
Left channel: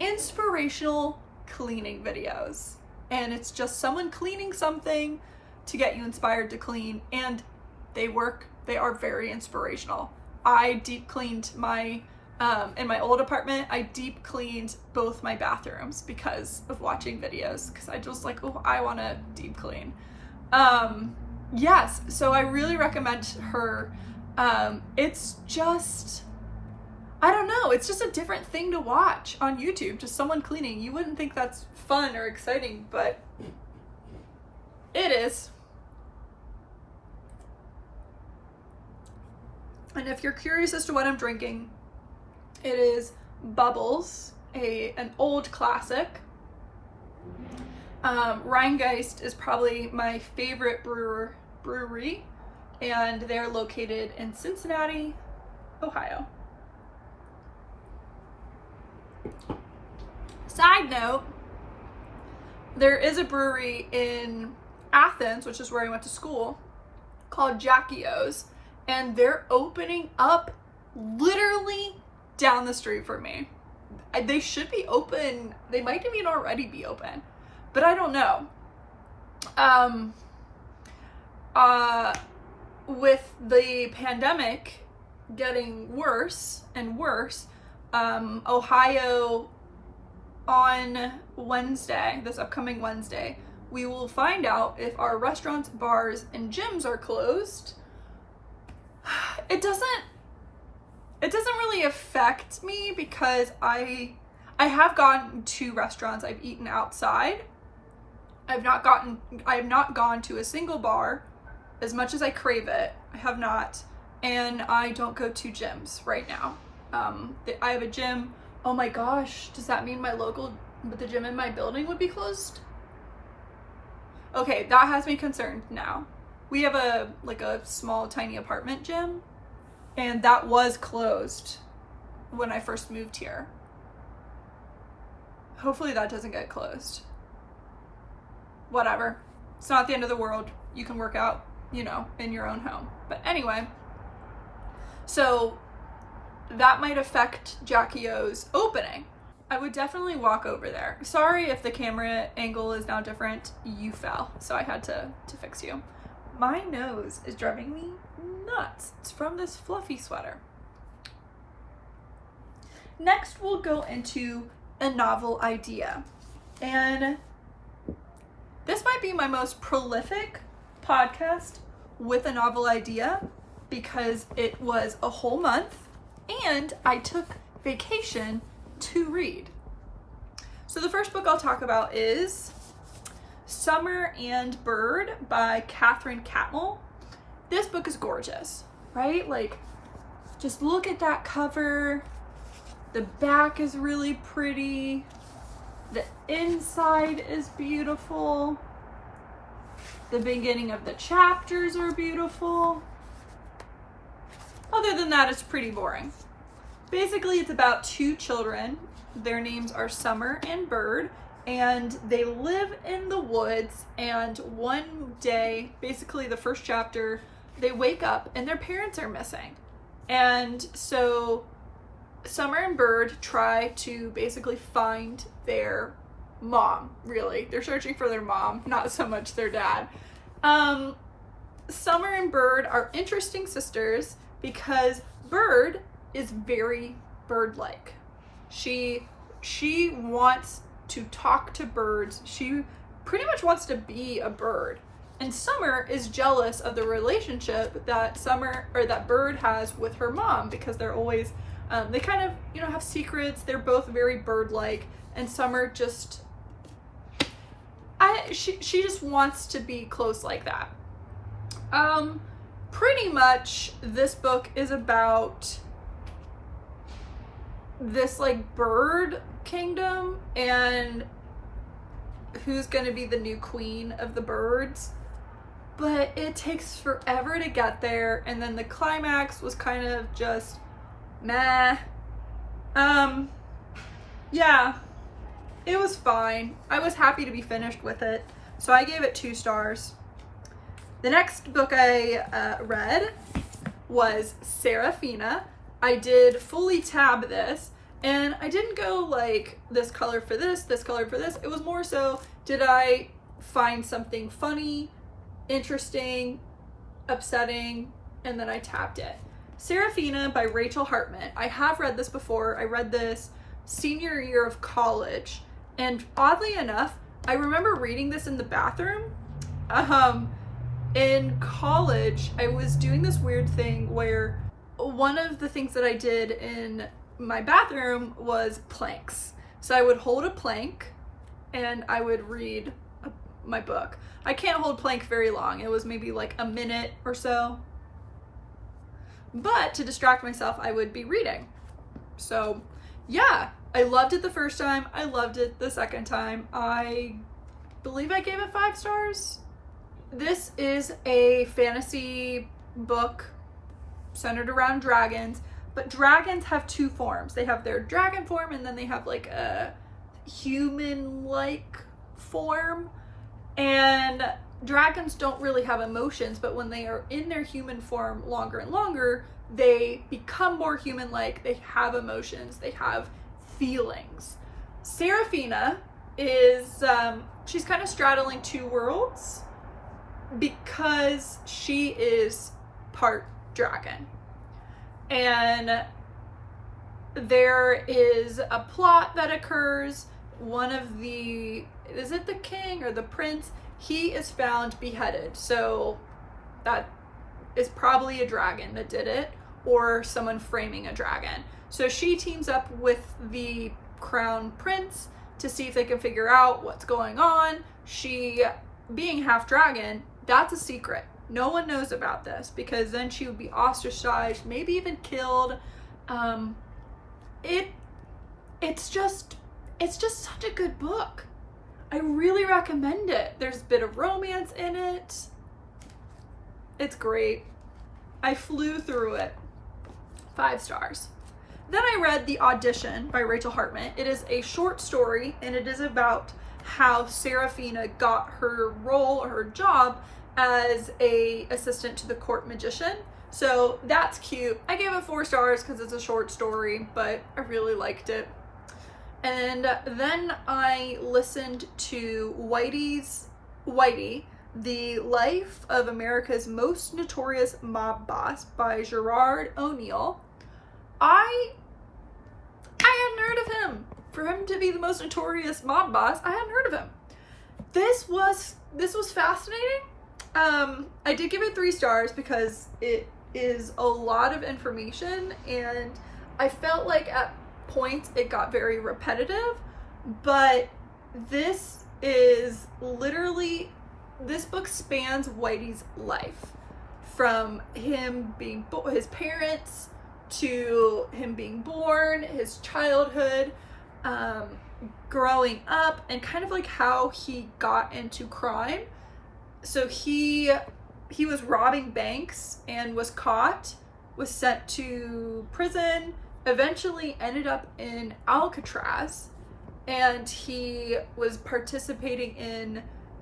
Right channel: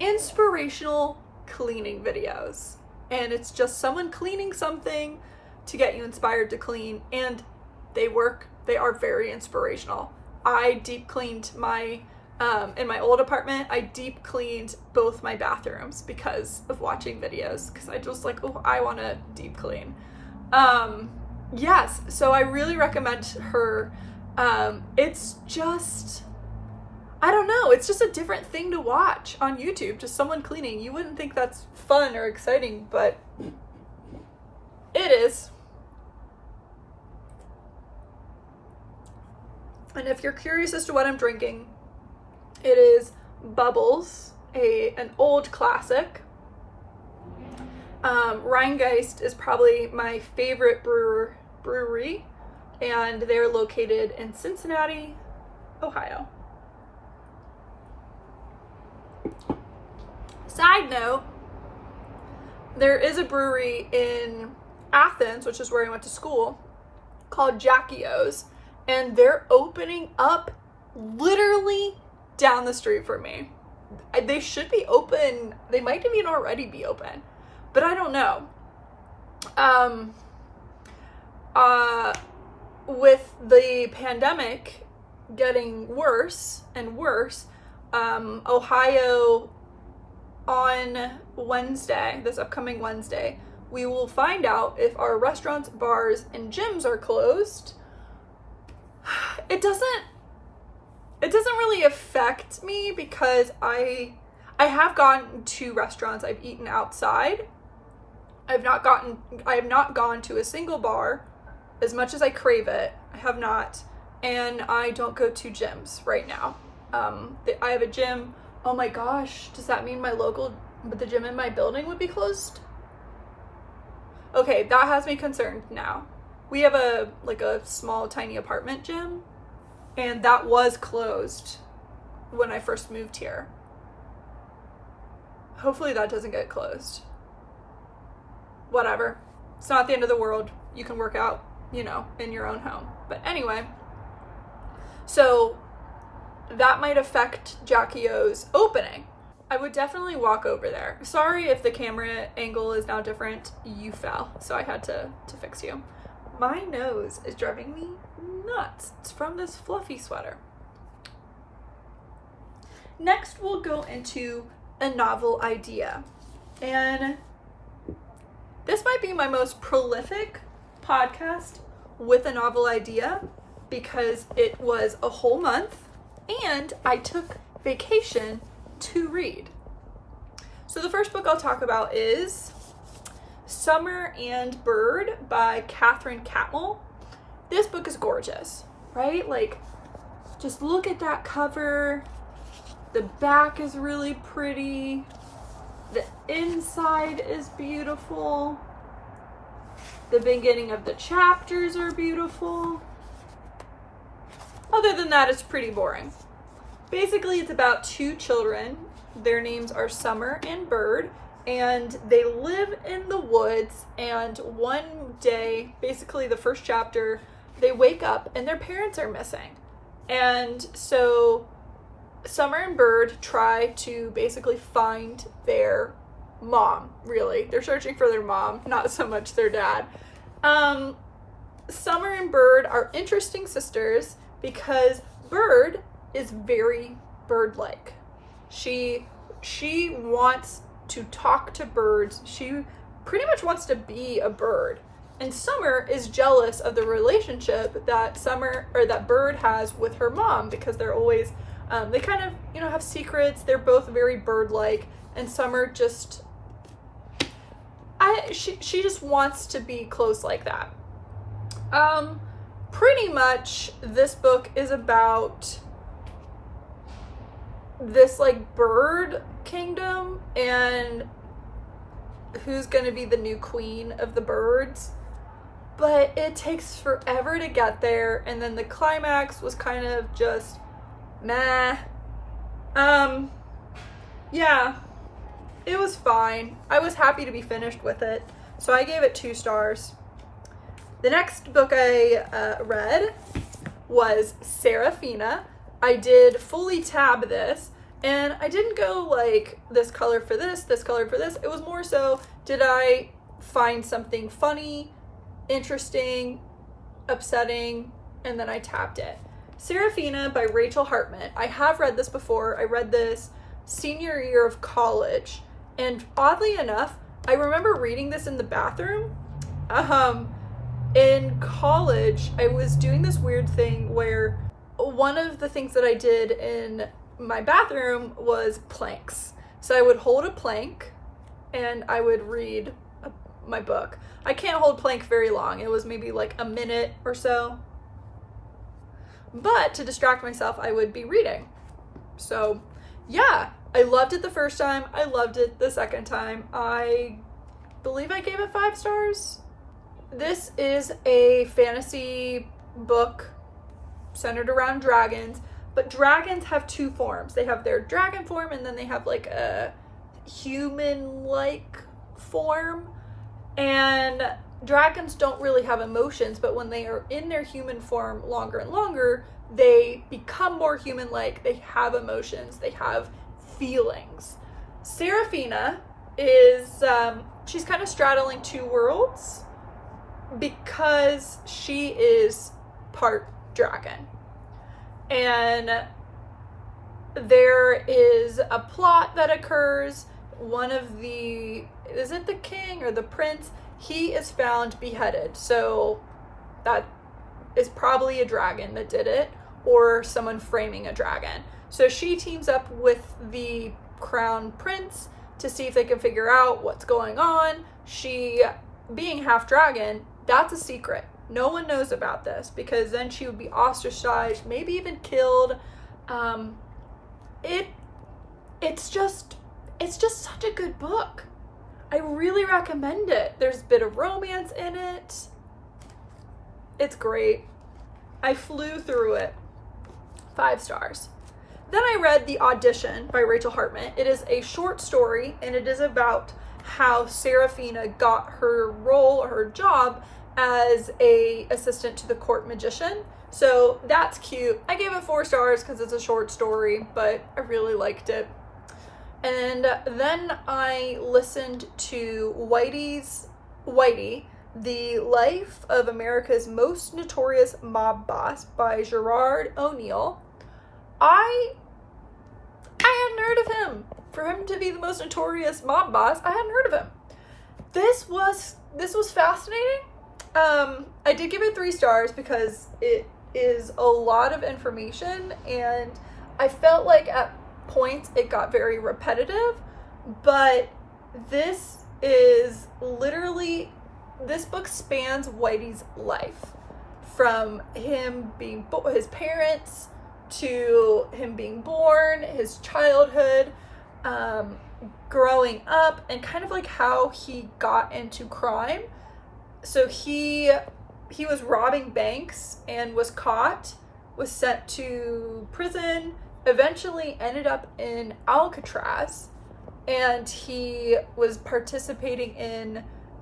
inspirational cleaning videos, and it's just someone cleaning something to get you inspired to clean, and they are very inspirational. I deep cleaned my in my old apartment. I deep cleaned both my bathrooms because of watching videos, because I just like, oh, I want to deep clean. Yes, so I really recommend her. It's just, I don't know, it's just a different thing to watch on YouTube, just someone cleaning. You wouldn't think that's fun or exciting, but it is. And if you're curious as to what I'm drinking, it is Bubbles, an old classic. Rheingeist is probably my favorite brewery, and they're located in Cincinnati, Ohio. Side note, there is a brewery in Athens, which is where I went to school, called Jackie O's, and they're opening up literally down the street from me. They should be open. They might even already be open, but I don't know. With the pandemic getting worse and worse, Ohio, on Wednesday, this upcoming Wednesday, we will find out if our restaurants, bars, and gyms are closed. It doesn't really affect me because I have gone to restaurants, I've eaten outside. I have not gone to a single bar as much as I crave it. I have not. And I don't go to gyms right now. I have a gym. Oh my gosh, does that mean the gym in my building would be closed? Okay, that has me concerned now. We have a small tiny apartment gym, and that was closed when I first moved here. Hopefully that doesn't get closed. Whatever. It's not the end of the world. You can work out, in your own home. But anyway, so that might affect Jackie O's opening. I would definitely walk over there. Sorry if the camera angle is now different. You fell, so I had to fix you. My nose is driving me nuts. It's from this fluffy sweater. Next, we'll go into a novel idea. And this might be my most prolific podcast with a novel idea because it was a whole month and I took vacation to read. So the first book I'll talk about is Summer and Bird by Catherine Catmull. This book is gorgeous, right? Just look at that cover. The back is really pretty. The inside is beautiful. The beginning of the chapters are beautiful. Other than that, it's pretty boring. Basically, it's about two children. Their names are Summer and Bird, and they live in the woods, and one day, basically the first chapter, they wake up and their parents are missing. And so Summer and Bird try to basically find their mom, really. They're searching for their mom, not so much their dad. Summer and Bird are interesting sisters because Bird is very bird-like. She wants to talk to birds. She pretty much wants to be a bird. And Summer is jealous of the relationship that Bird has with her mom because they're always they kind of, have secrets. They're both very bird-like, and Summer just she just wants to be close like that. Pretty much this book is about this bird kingdom and who's going to be the new queen of the birds, but it takes forever to get there, and then the climax was kind of just meh. Yeah, it was fine. I was happy to be finished with it, so I gave it 2 stars. The next book I read was Serafina. I did fully tab this, and I didn't go this color for this color for this. It was more so, did I find something funny, interesting, upsetting, and then I tabbed it. Serafina by Rachel Hartman. I have read this before. I read this senior year of college, and oddly enough, I remember reading this in the bathroom. In college, I was doing this weird thing where one of the things that I did in my bathroom was planks. So I would hold a plank and I would read my book. I can't hold plank very long. It was maybe like a minute or so. But to distract myself, I would be reading. So yeah, I loved it the first time. I loved it the second time. I believe I gave it 5 stars. This is a fantasy book centered around dragons, but dragons have 2 forms. They have their dragon form and then they have like a human-like form. And dragons don't really have emotions, but when they are in their human form longer and longer, they become more human-like. They have emotions. They have feelings. Seraphina is, she's kind of straddling 2 worlds because she is part dragon. And there is a plot that occurs. One of the, is it the king or the prince? He is found beheaded. So that is probably a dragon that did it, or someone framing a dragon. So she teams up with the crown prince to see if they can figure out what's going on. She, being half dragon, that's a secret. No one knows about this because then she would be ostracized, maybe even killed. It's just such a good book. I really recommend it. There's a bit of romance in it. It's great. I flew through it. 5 stars. Then I read The Audition by Rachel Hartman. It is a short story and it is about how Seraphina got her role or her job as a assistant to the court magician. So that's cute. I gave it 4 stars because it's a short story, but I really liked it. And then I listened to Whitey, The Life of America's Most Notorious Mob Boss by Gerard O'Neill. I hadn't heard of him. For him to be the most notorious mob boss, I hadn't heard of him. This was fascinating. I did give it 3 stars because it is a lot of information and I felt like at points it got very repetitive, but this is literally, this book spans Whitey's life from him being his parents to him being born, his childhood, growing up, and kind of like how he got into crime. So he was robbing banks and was caught, was sent to prison, eventually ended up in Alcatraz, and he was participating in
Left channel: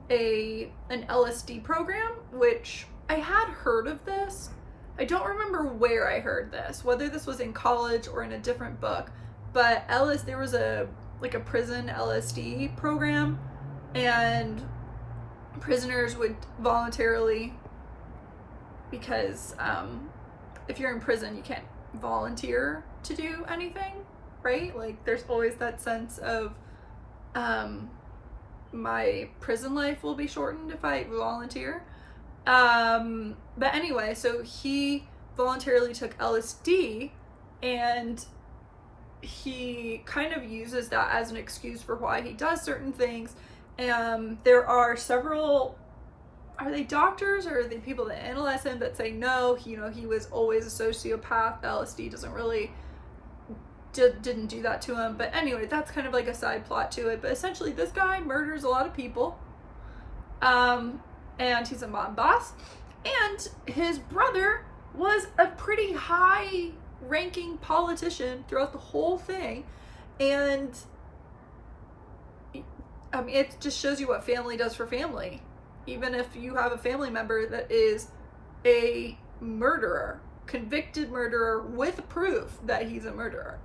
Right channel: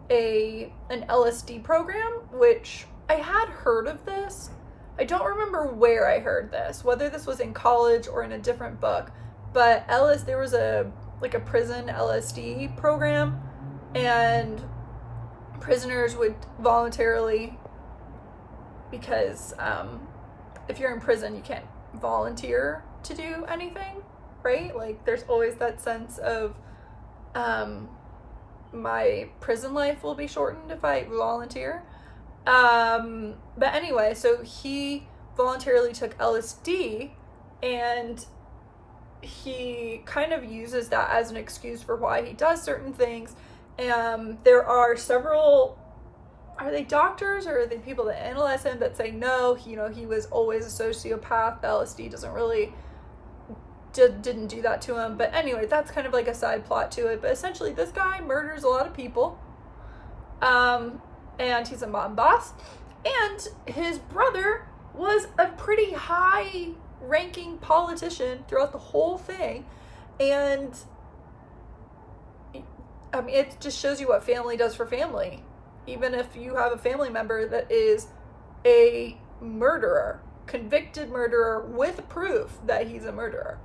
an LSD program, which I had heard of this. I don't remember where I heard this, whether this was in college or in a different book, but there was a prison LSD program, and prisoners would voluntarily, because if you're in prison, you can't volunteer to do anything, right? Like there's always that sense of my prison life will be shortened if I volunteer. But anyway, so he voluntarily took LSD and he kind of uses that as an excuse for why he does certain things. There are several, are they doctors or are they people that analyze him that say no, he was always a sociopath. LSD doesn't really didn't do that to him. But anyway, that's kind of like a side plot to it. But essentially this guy murders a lot of people. And he's a mob boss. And his brother was a pretty high ranking politician throughout the whole thing. And I mean, it just shows you what family does for family. Even if you have a family member that is a murderer, convicted murderer with proof that he's a murderer.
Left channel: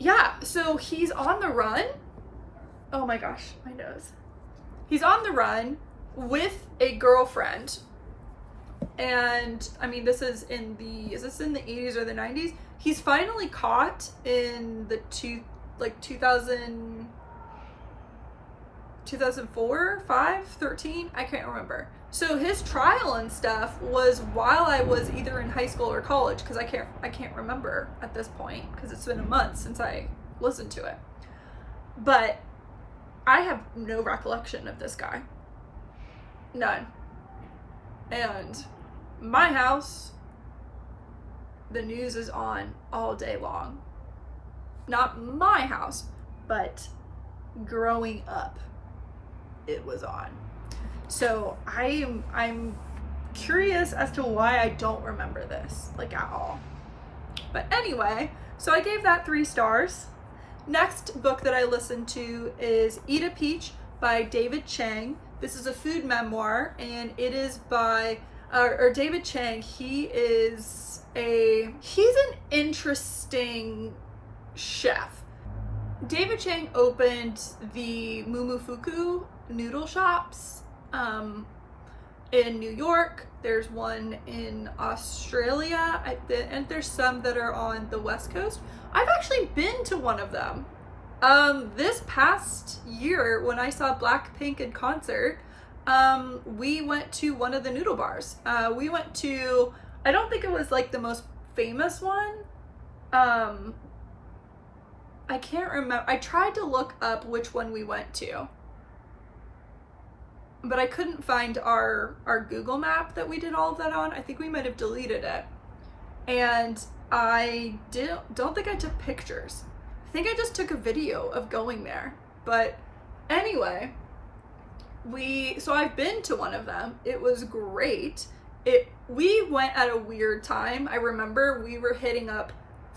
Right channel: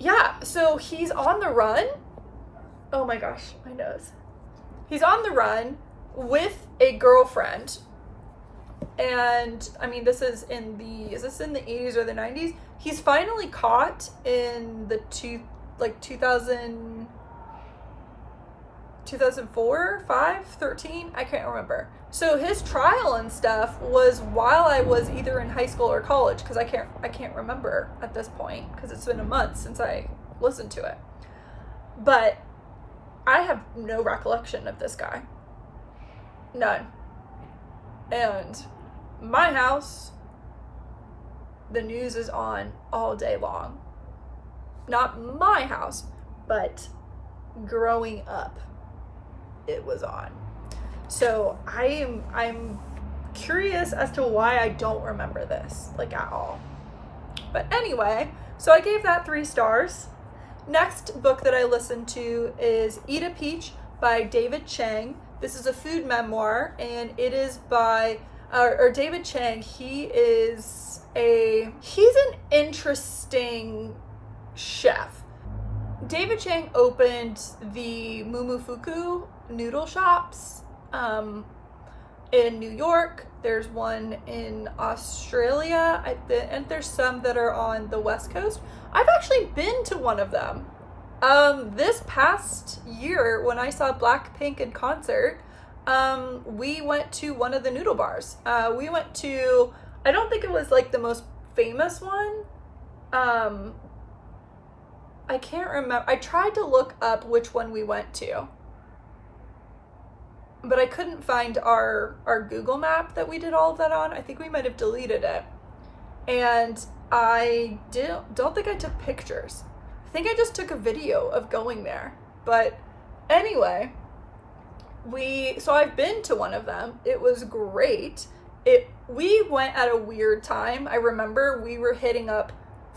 Yeah, so he's on the run. Oh my gosh, my nose. He's on the run with a girlfriend. And I mean, is this in the 80s or the 90s? He's finally caught in the 2004, 5, 13, I can't remember. So his trial and stuff was while I was either in high school or college, because I can't remember at this point, because it's been a month since I listened to it. But I have no recollection of this guy. None. And my house, the news is on all day long. Not my house, but growing up, it was on. So I'm curious as to why I don't remember this, like, at all. But anyway, so I gave that 3 stars. Next book that I listened to is Eat a Peach by David Chang. This is a food memoir, and it is by David Chang. He's an interesting chef. David Chang opened the Momofuku noodle shops in New York. There's one in Australia, and there's some that are on the West Coast. I've actually been to one of them. This past year when I saw Blackpink in concert, we went to one of the noodle bars. We went to, I don't think it was like the most famous one. I can't remember. I tried to look up which one we went to, but I couldn't find our Google map that we did all of that on. I think we might have deleted it. And I don't think I took pictures. I think I just took a video of going there. But anyway, so I've been to one of them. It was great. We went at a weird time. I remember we were hitting up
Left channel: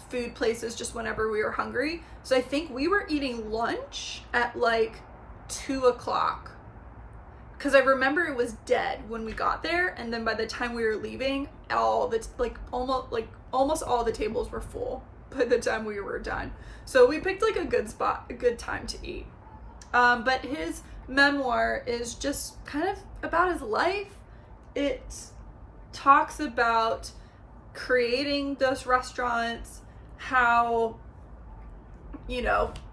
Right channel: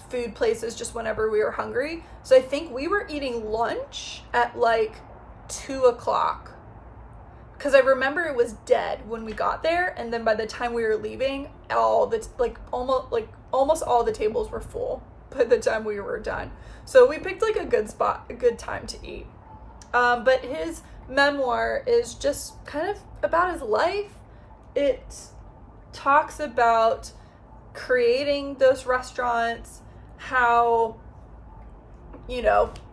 food places just whenever we were hungry. So I think we were eating lunch at like 2 o'clock. Because I remember it was dead when we got there, and then by the time we were leaving, almost all the tables were full by the time we were done. So we picked like a good spot, a good time to eat. But his memoir is just kind of about his life. It talks about creating those restaurants, how,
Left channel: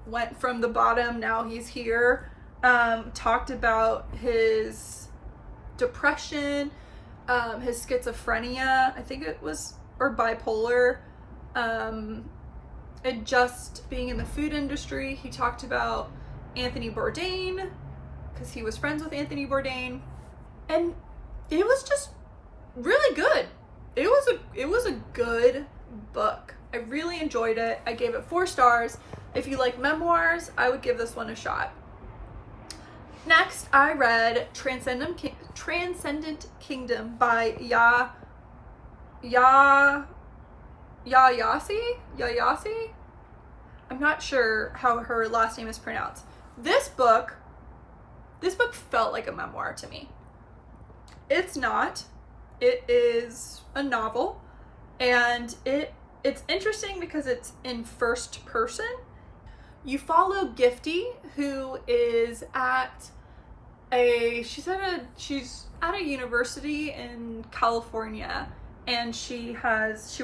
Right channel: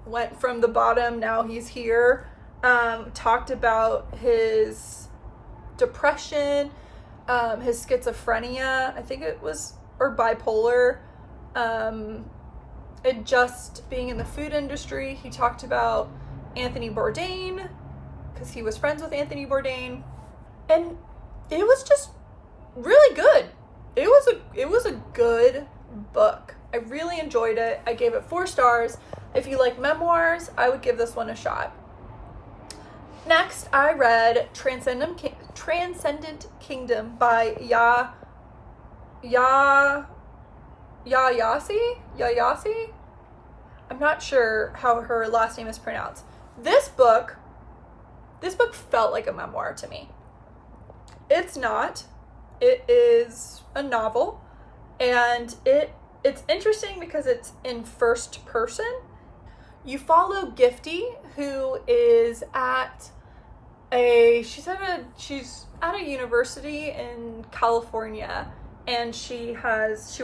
went from the bottom, now he's here. Talked about his depression, his schizophrenia, I think it was, or bipolar, and just being in the food industry. He talked about Anthony Bourdain, because he was friends with Anthony Bourdain, and it was just really good. It was a good book. I really enjoyed it. I gave it 4 stars. If you like memoirs, I would give this one a shot. Next, I read Transcendent Kingdom by Yayasi. I'm not sure how her last name is pronounced. This book felt like a memoir to me. It's not. It is a novel, and it's interesting because it's in first person. You follow Gifty, who is she's at a university in California, and she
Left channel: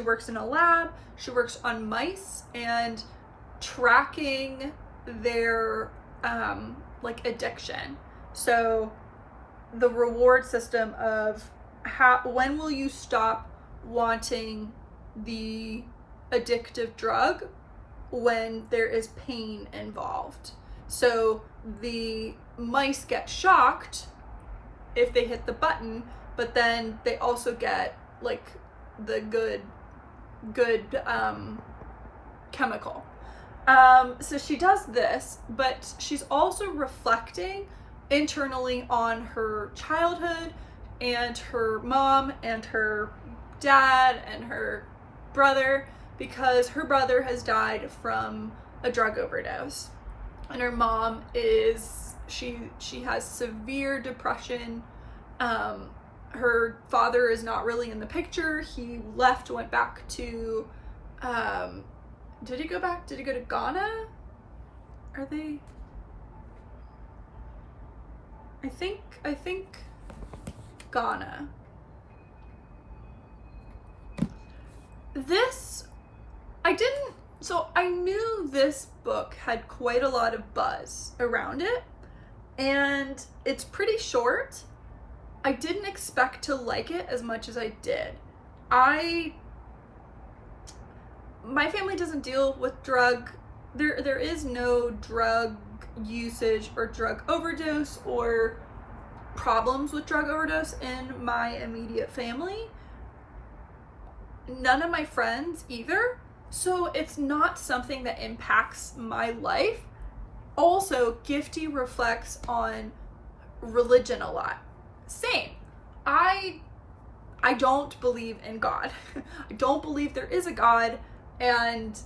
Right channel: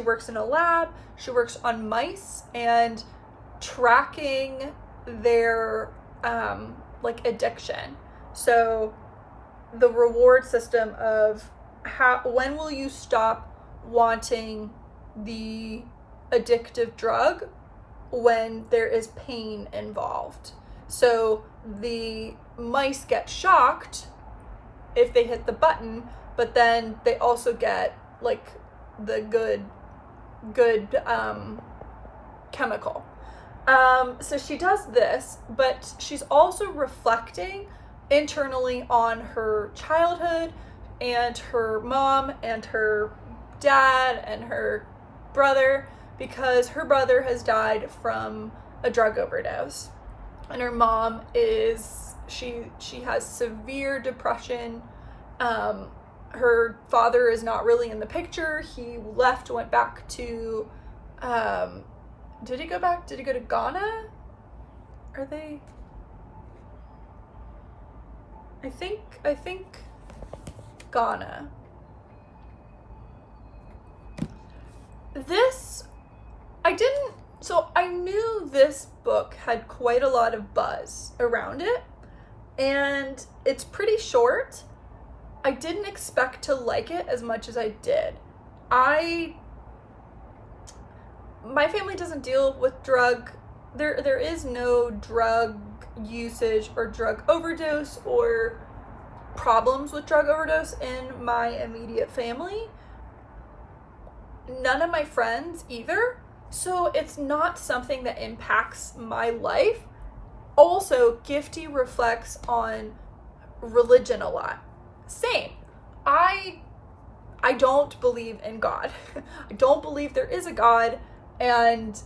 works in a lab. She works on mice and tracking their addiction. So the reward system of when will you stop wanting the addictive drug when there is pain involved. So the mice get shocked if they hit the button, but then they also get like the good chemical. So she does this, but she's also reflecting internally on her childhood and her mom and her dad and her brother, because her brother has died from a drug overdose, and her mom she has severe depression. Her father is not really in the picture. He went back to did he go to Ghana? I think Ghana. I knew this book had quite a lot of buzz around it, and it's pretty short, I didn't expect to like it as much as I did. My family doesn't deal with there is no drug usage or drug overdose or problems with drug overdose in my immediate family. None of my friends either. So it's not something that impacts my life. Also, Gifty reflects on religion a lot. Same. I don't believe in God. I don't believe there is a God. And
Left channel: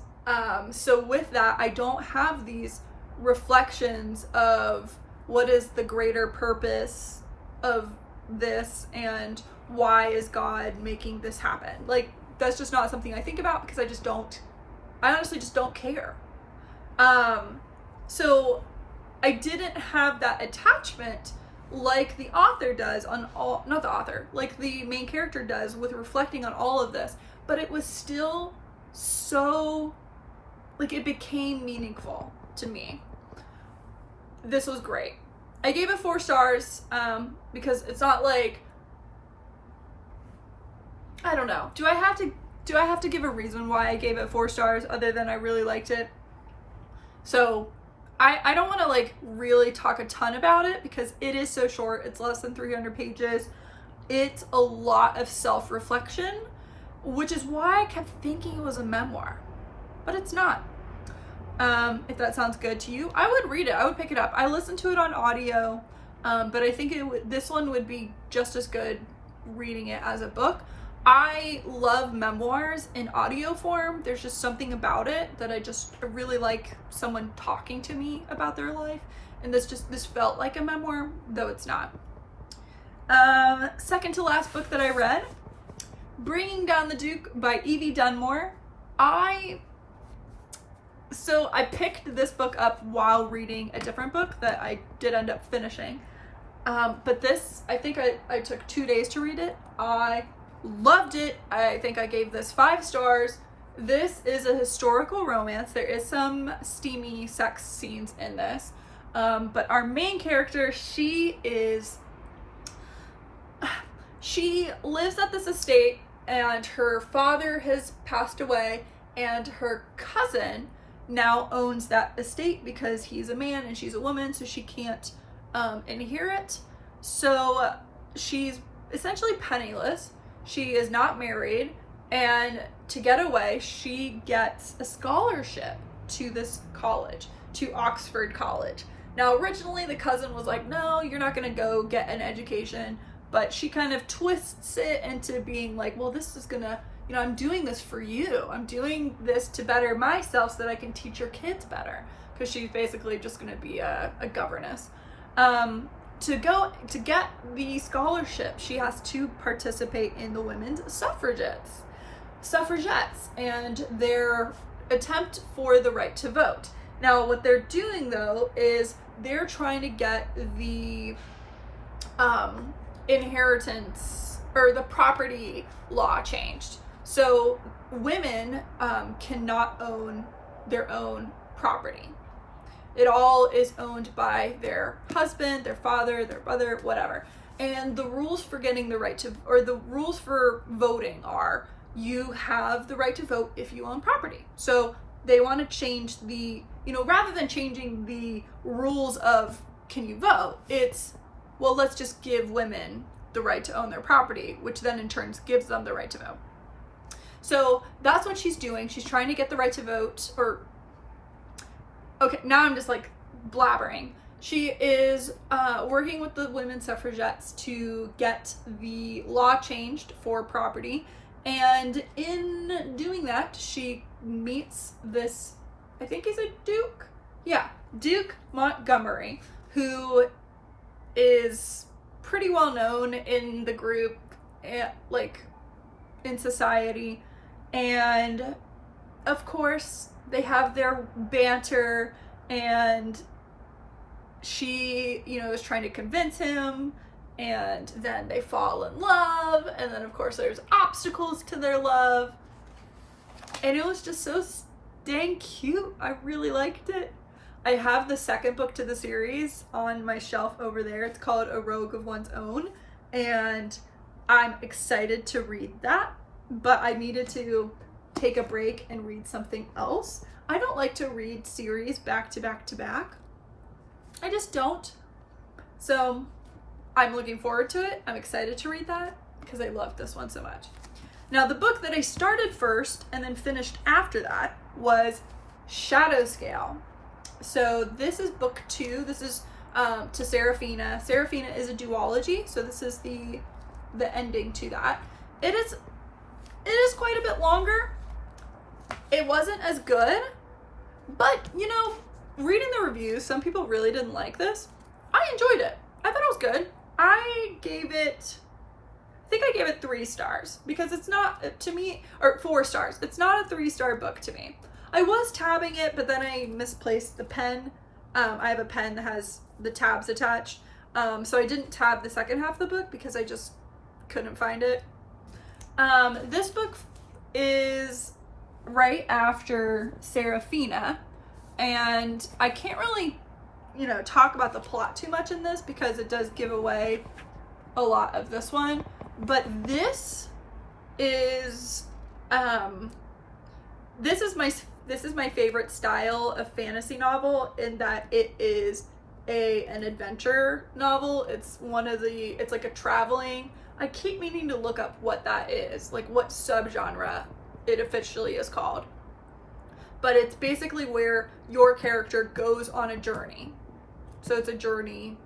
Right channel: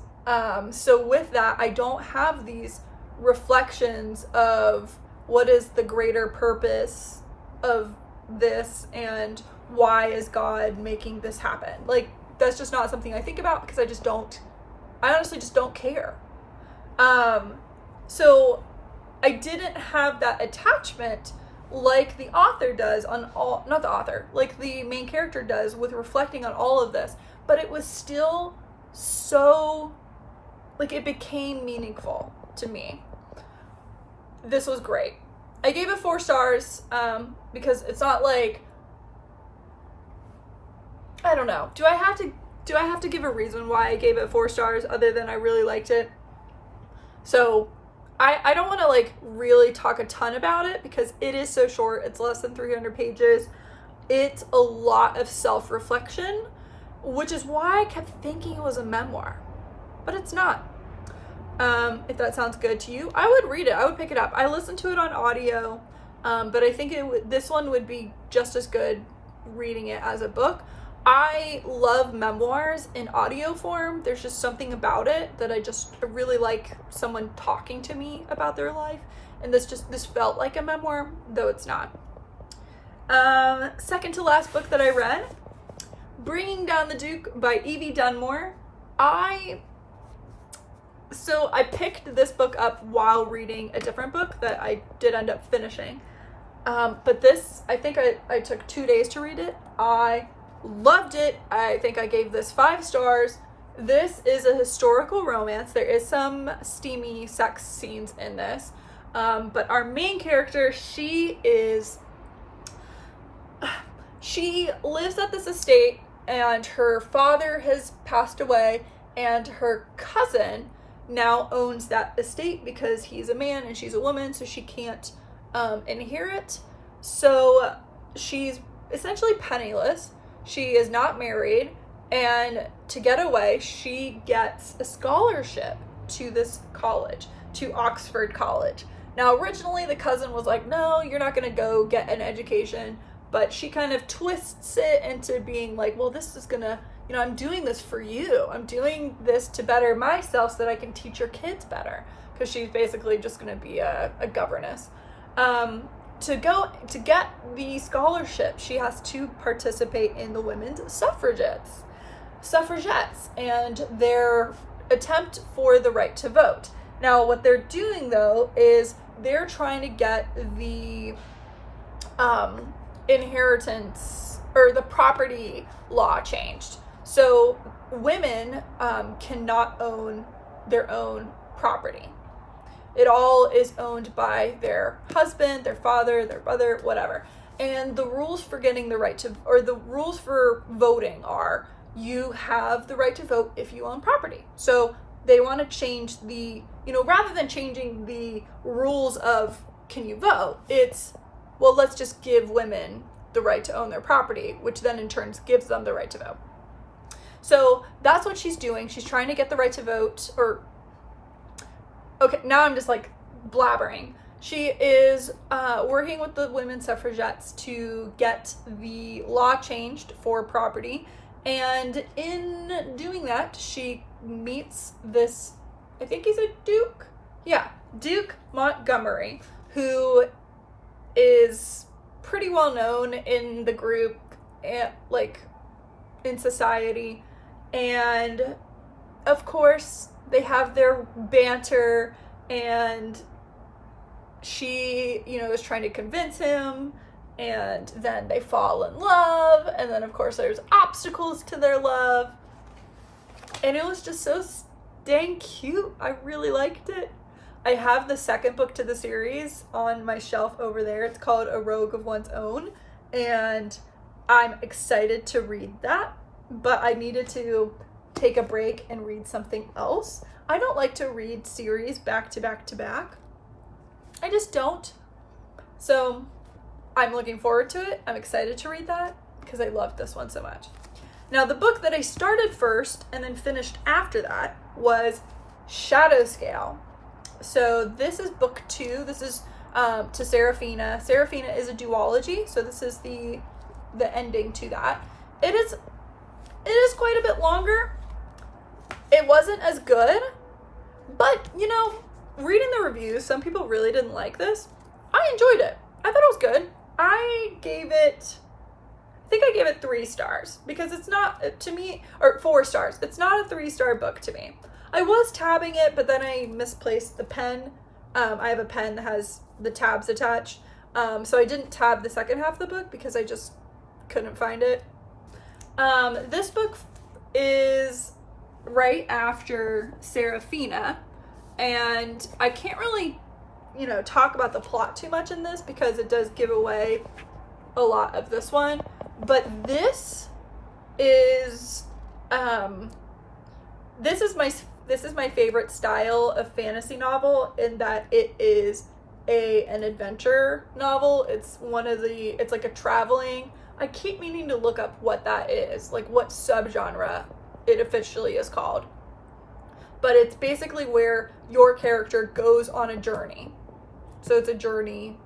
so with that, I don't have these reflections of what is the greater purpose of this and why is God making this happen. Like, that's just not something I think about because I honestly just don't care. So I didn't have that attachment like the author does like the main character does with reflecting on all of this, but it was still so, like, it became meaningful to me. This was great. I gave it 4 stars because it's not like, I don't know. Do I have to give a reason why I gave it 4 stars other than I really liked it? So I don't want to like really talk a ton about it because it is so short. It's less than 300 pages. It's a lot of self-reflection, which is why I kept thinking it was a memoir, but it's not. If that sounds good to you, I would read it. I would pick it up. I listened to it on audio, but I think this one would be just as good reading it as a book. I love memoirs in audio form. There's just something about it that I really like someone talking to me about their life. And this felt like a memoir, though it's not. Second to last book that I read, Bringing Down the Duke by Evie Dunmore. I picked this book up while reading a different book that I did end up finishing. But this, I think I took 2 days to read it. I loved it. I think I gave this 5 stars. This is a historical romance. There is some steamy sex scenes in this. But our main character, she lives at this estate and her father has passed away and her cousin now owns that estate because he's a man and she's a woman, so she can't inherit. So she's essentially penniless. She is not married, and to get away, she gets a scholarship to this college, to Oxford College. Now, originally, the cousin was like, no, you're not going to go get an education, but she kind of twists it into being like, well, this is going to, I'm doing this for you. I'm doing this to better myself so that I can teach your kids better, because she's basically just going to be a governess. To get the scholarship, she has to participate in the women's suffragettes and their attempt for the right to vote. Now, what they're doing though is they're trying to get the inheritance or the property law changed. So women cannot own their own property. It all is owned by their husband, their father, their brother, whatever. And the rules for getting the right to, or the rules for voting are, you have the right to vote if you own property. So they want to change rather than changing the rules of can you vote, it's, well, let's just give women the right to own their property, which then in turn gives them the right to vote. So that's what she's doing. She's trying to get the right to vote, okay, now I'm just like blabbering. She is working with the women's suffragettes to get the law changed for property. And in doing that, she meets this, I think he's a duke? Yeah, Duke Montgomery, who is pretty well known in the group, like in society. And of course, they have their banter, and she, is trying to convince him, and then they fall in love, and then of course there's obstacles to their love, and it was just so dang cute. I really liked it. I have the second book to the series on my shelf over there. It's called A Rogue of One's Own, and I'm excited to read that, but I needed to take a break and read something else. I don't like to read series back to back to back. I just don't. So I'm looking forward to it. I'm excited to read that because I love this one so much. Now, the book that I started first and then finished after that was Shadow Scale. So this is book 2. This is to Serafina. Serafina is a duology, so this is the ending to that. It is quite a bit longer. It wasn't as good, but you know, reading the reviews, some people really didn't like this. I enjoyed it. I thought it was good. I think I gave it 3 stars because it's not, to me, or 4 stars. It's not a 3-star book to me. I was tabbing it, but then I misplaced the pen. I have a pen that has the tabs attached. So I didn't tab the second half of the book because I just couldn't find it. This book is right after Serafina, and I can't really, talk about the plot too much in this because it does give away a lot of this one. But this is my favorite style of fantasy novel, in that it is an adventure novel. It's like a traveling. I keep meaning to look up what that is, like what subgenre it officially is called. But it's basically where your character goes on a journey. So it's a journey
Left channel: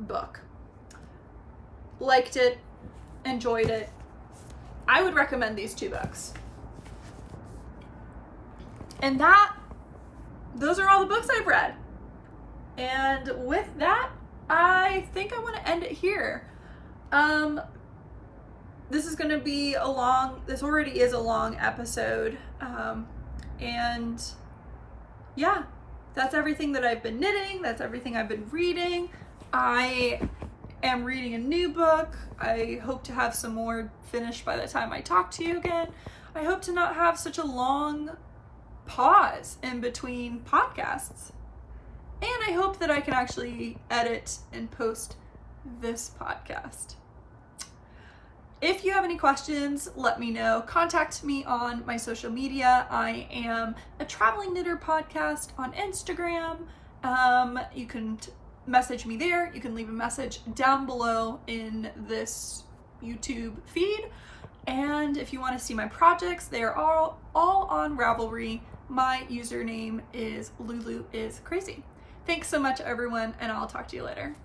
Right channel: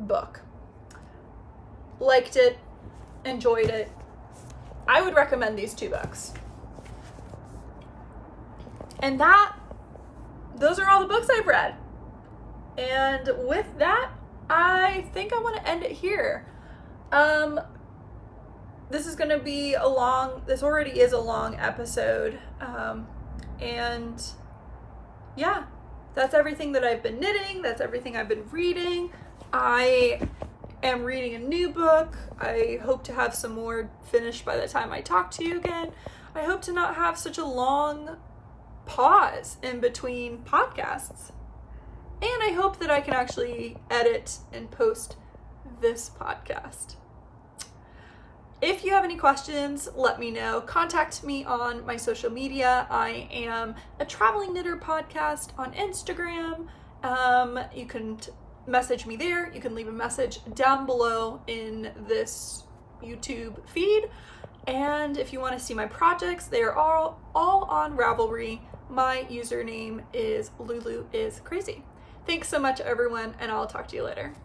book. Liked it, enjoyed it. I would recommend these 2 books. And those are all the books I've read. And with that, I think I want to end it here. This is going to be this already is a long episode. And yeah, that's everything that I've been knitting. That's everything I've been reading. I am reading a new book. I hope to have some more finished by the time I talk to you again. I hope to not have such a long pause in between podcasts. And I hope that I can actually edit and post this podcast. If you have any questions, let me know. Contact me on my social media. I am a Traveling Knitter Podcast on Instagram. You can message me there. You can leave a message down below in this YouTube feed. And if you want to see my projects, they are all on Ravelry. My username is LuluisCrazy. Thanks so much, everyone, and I'll talk to you later.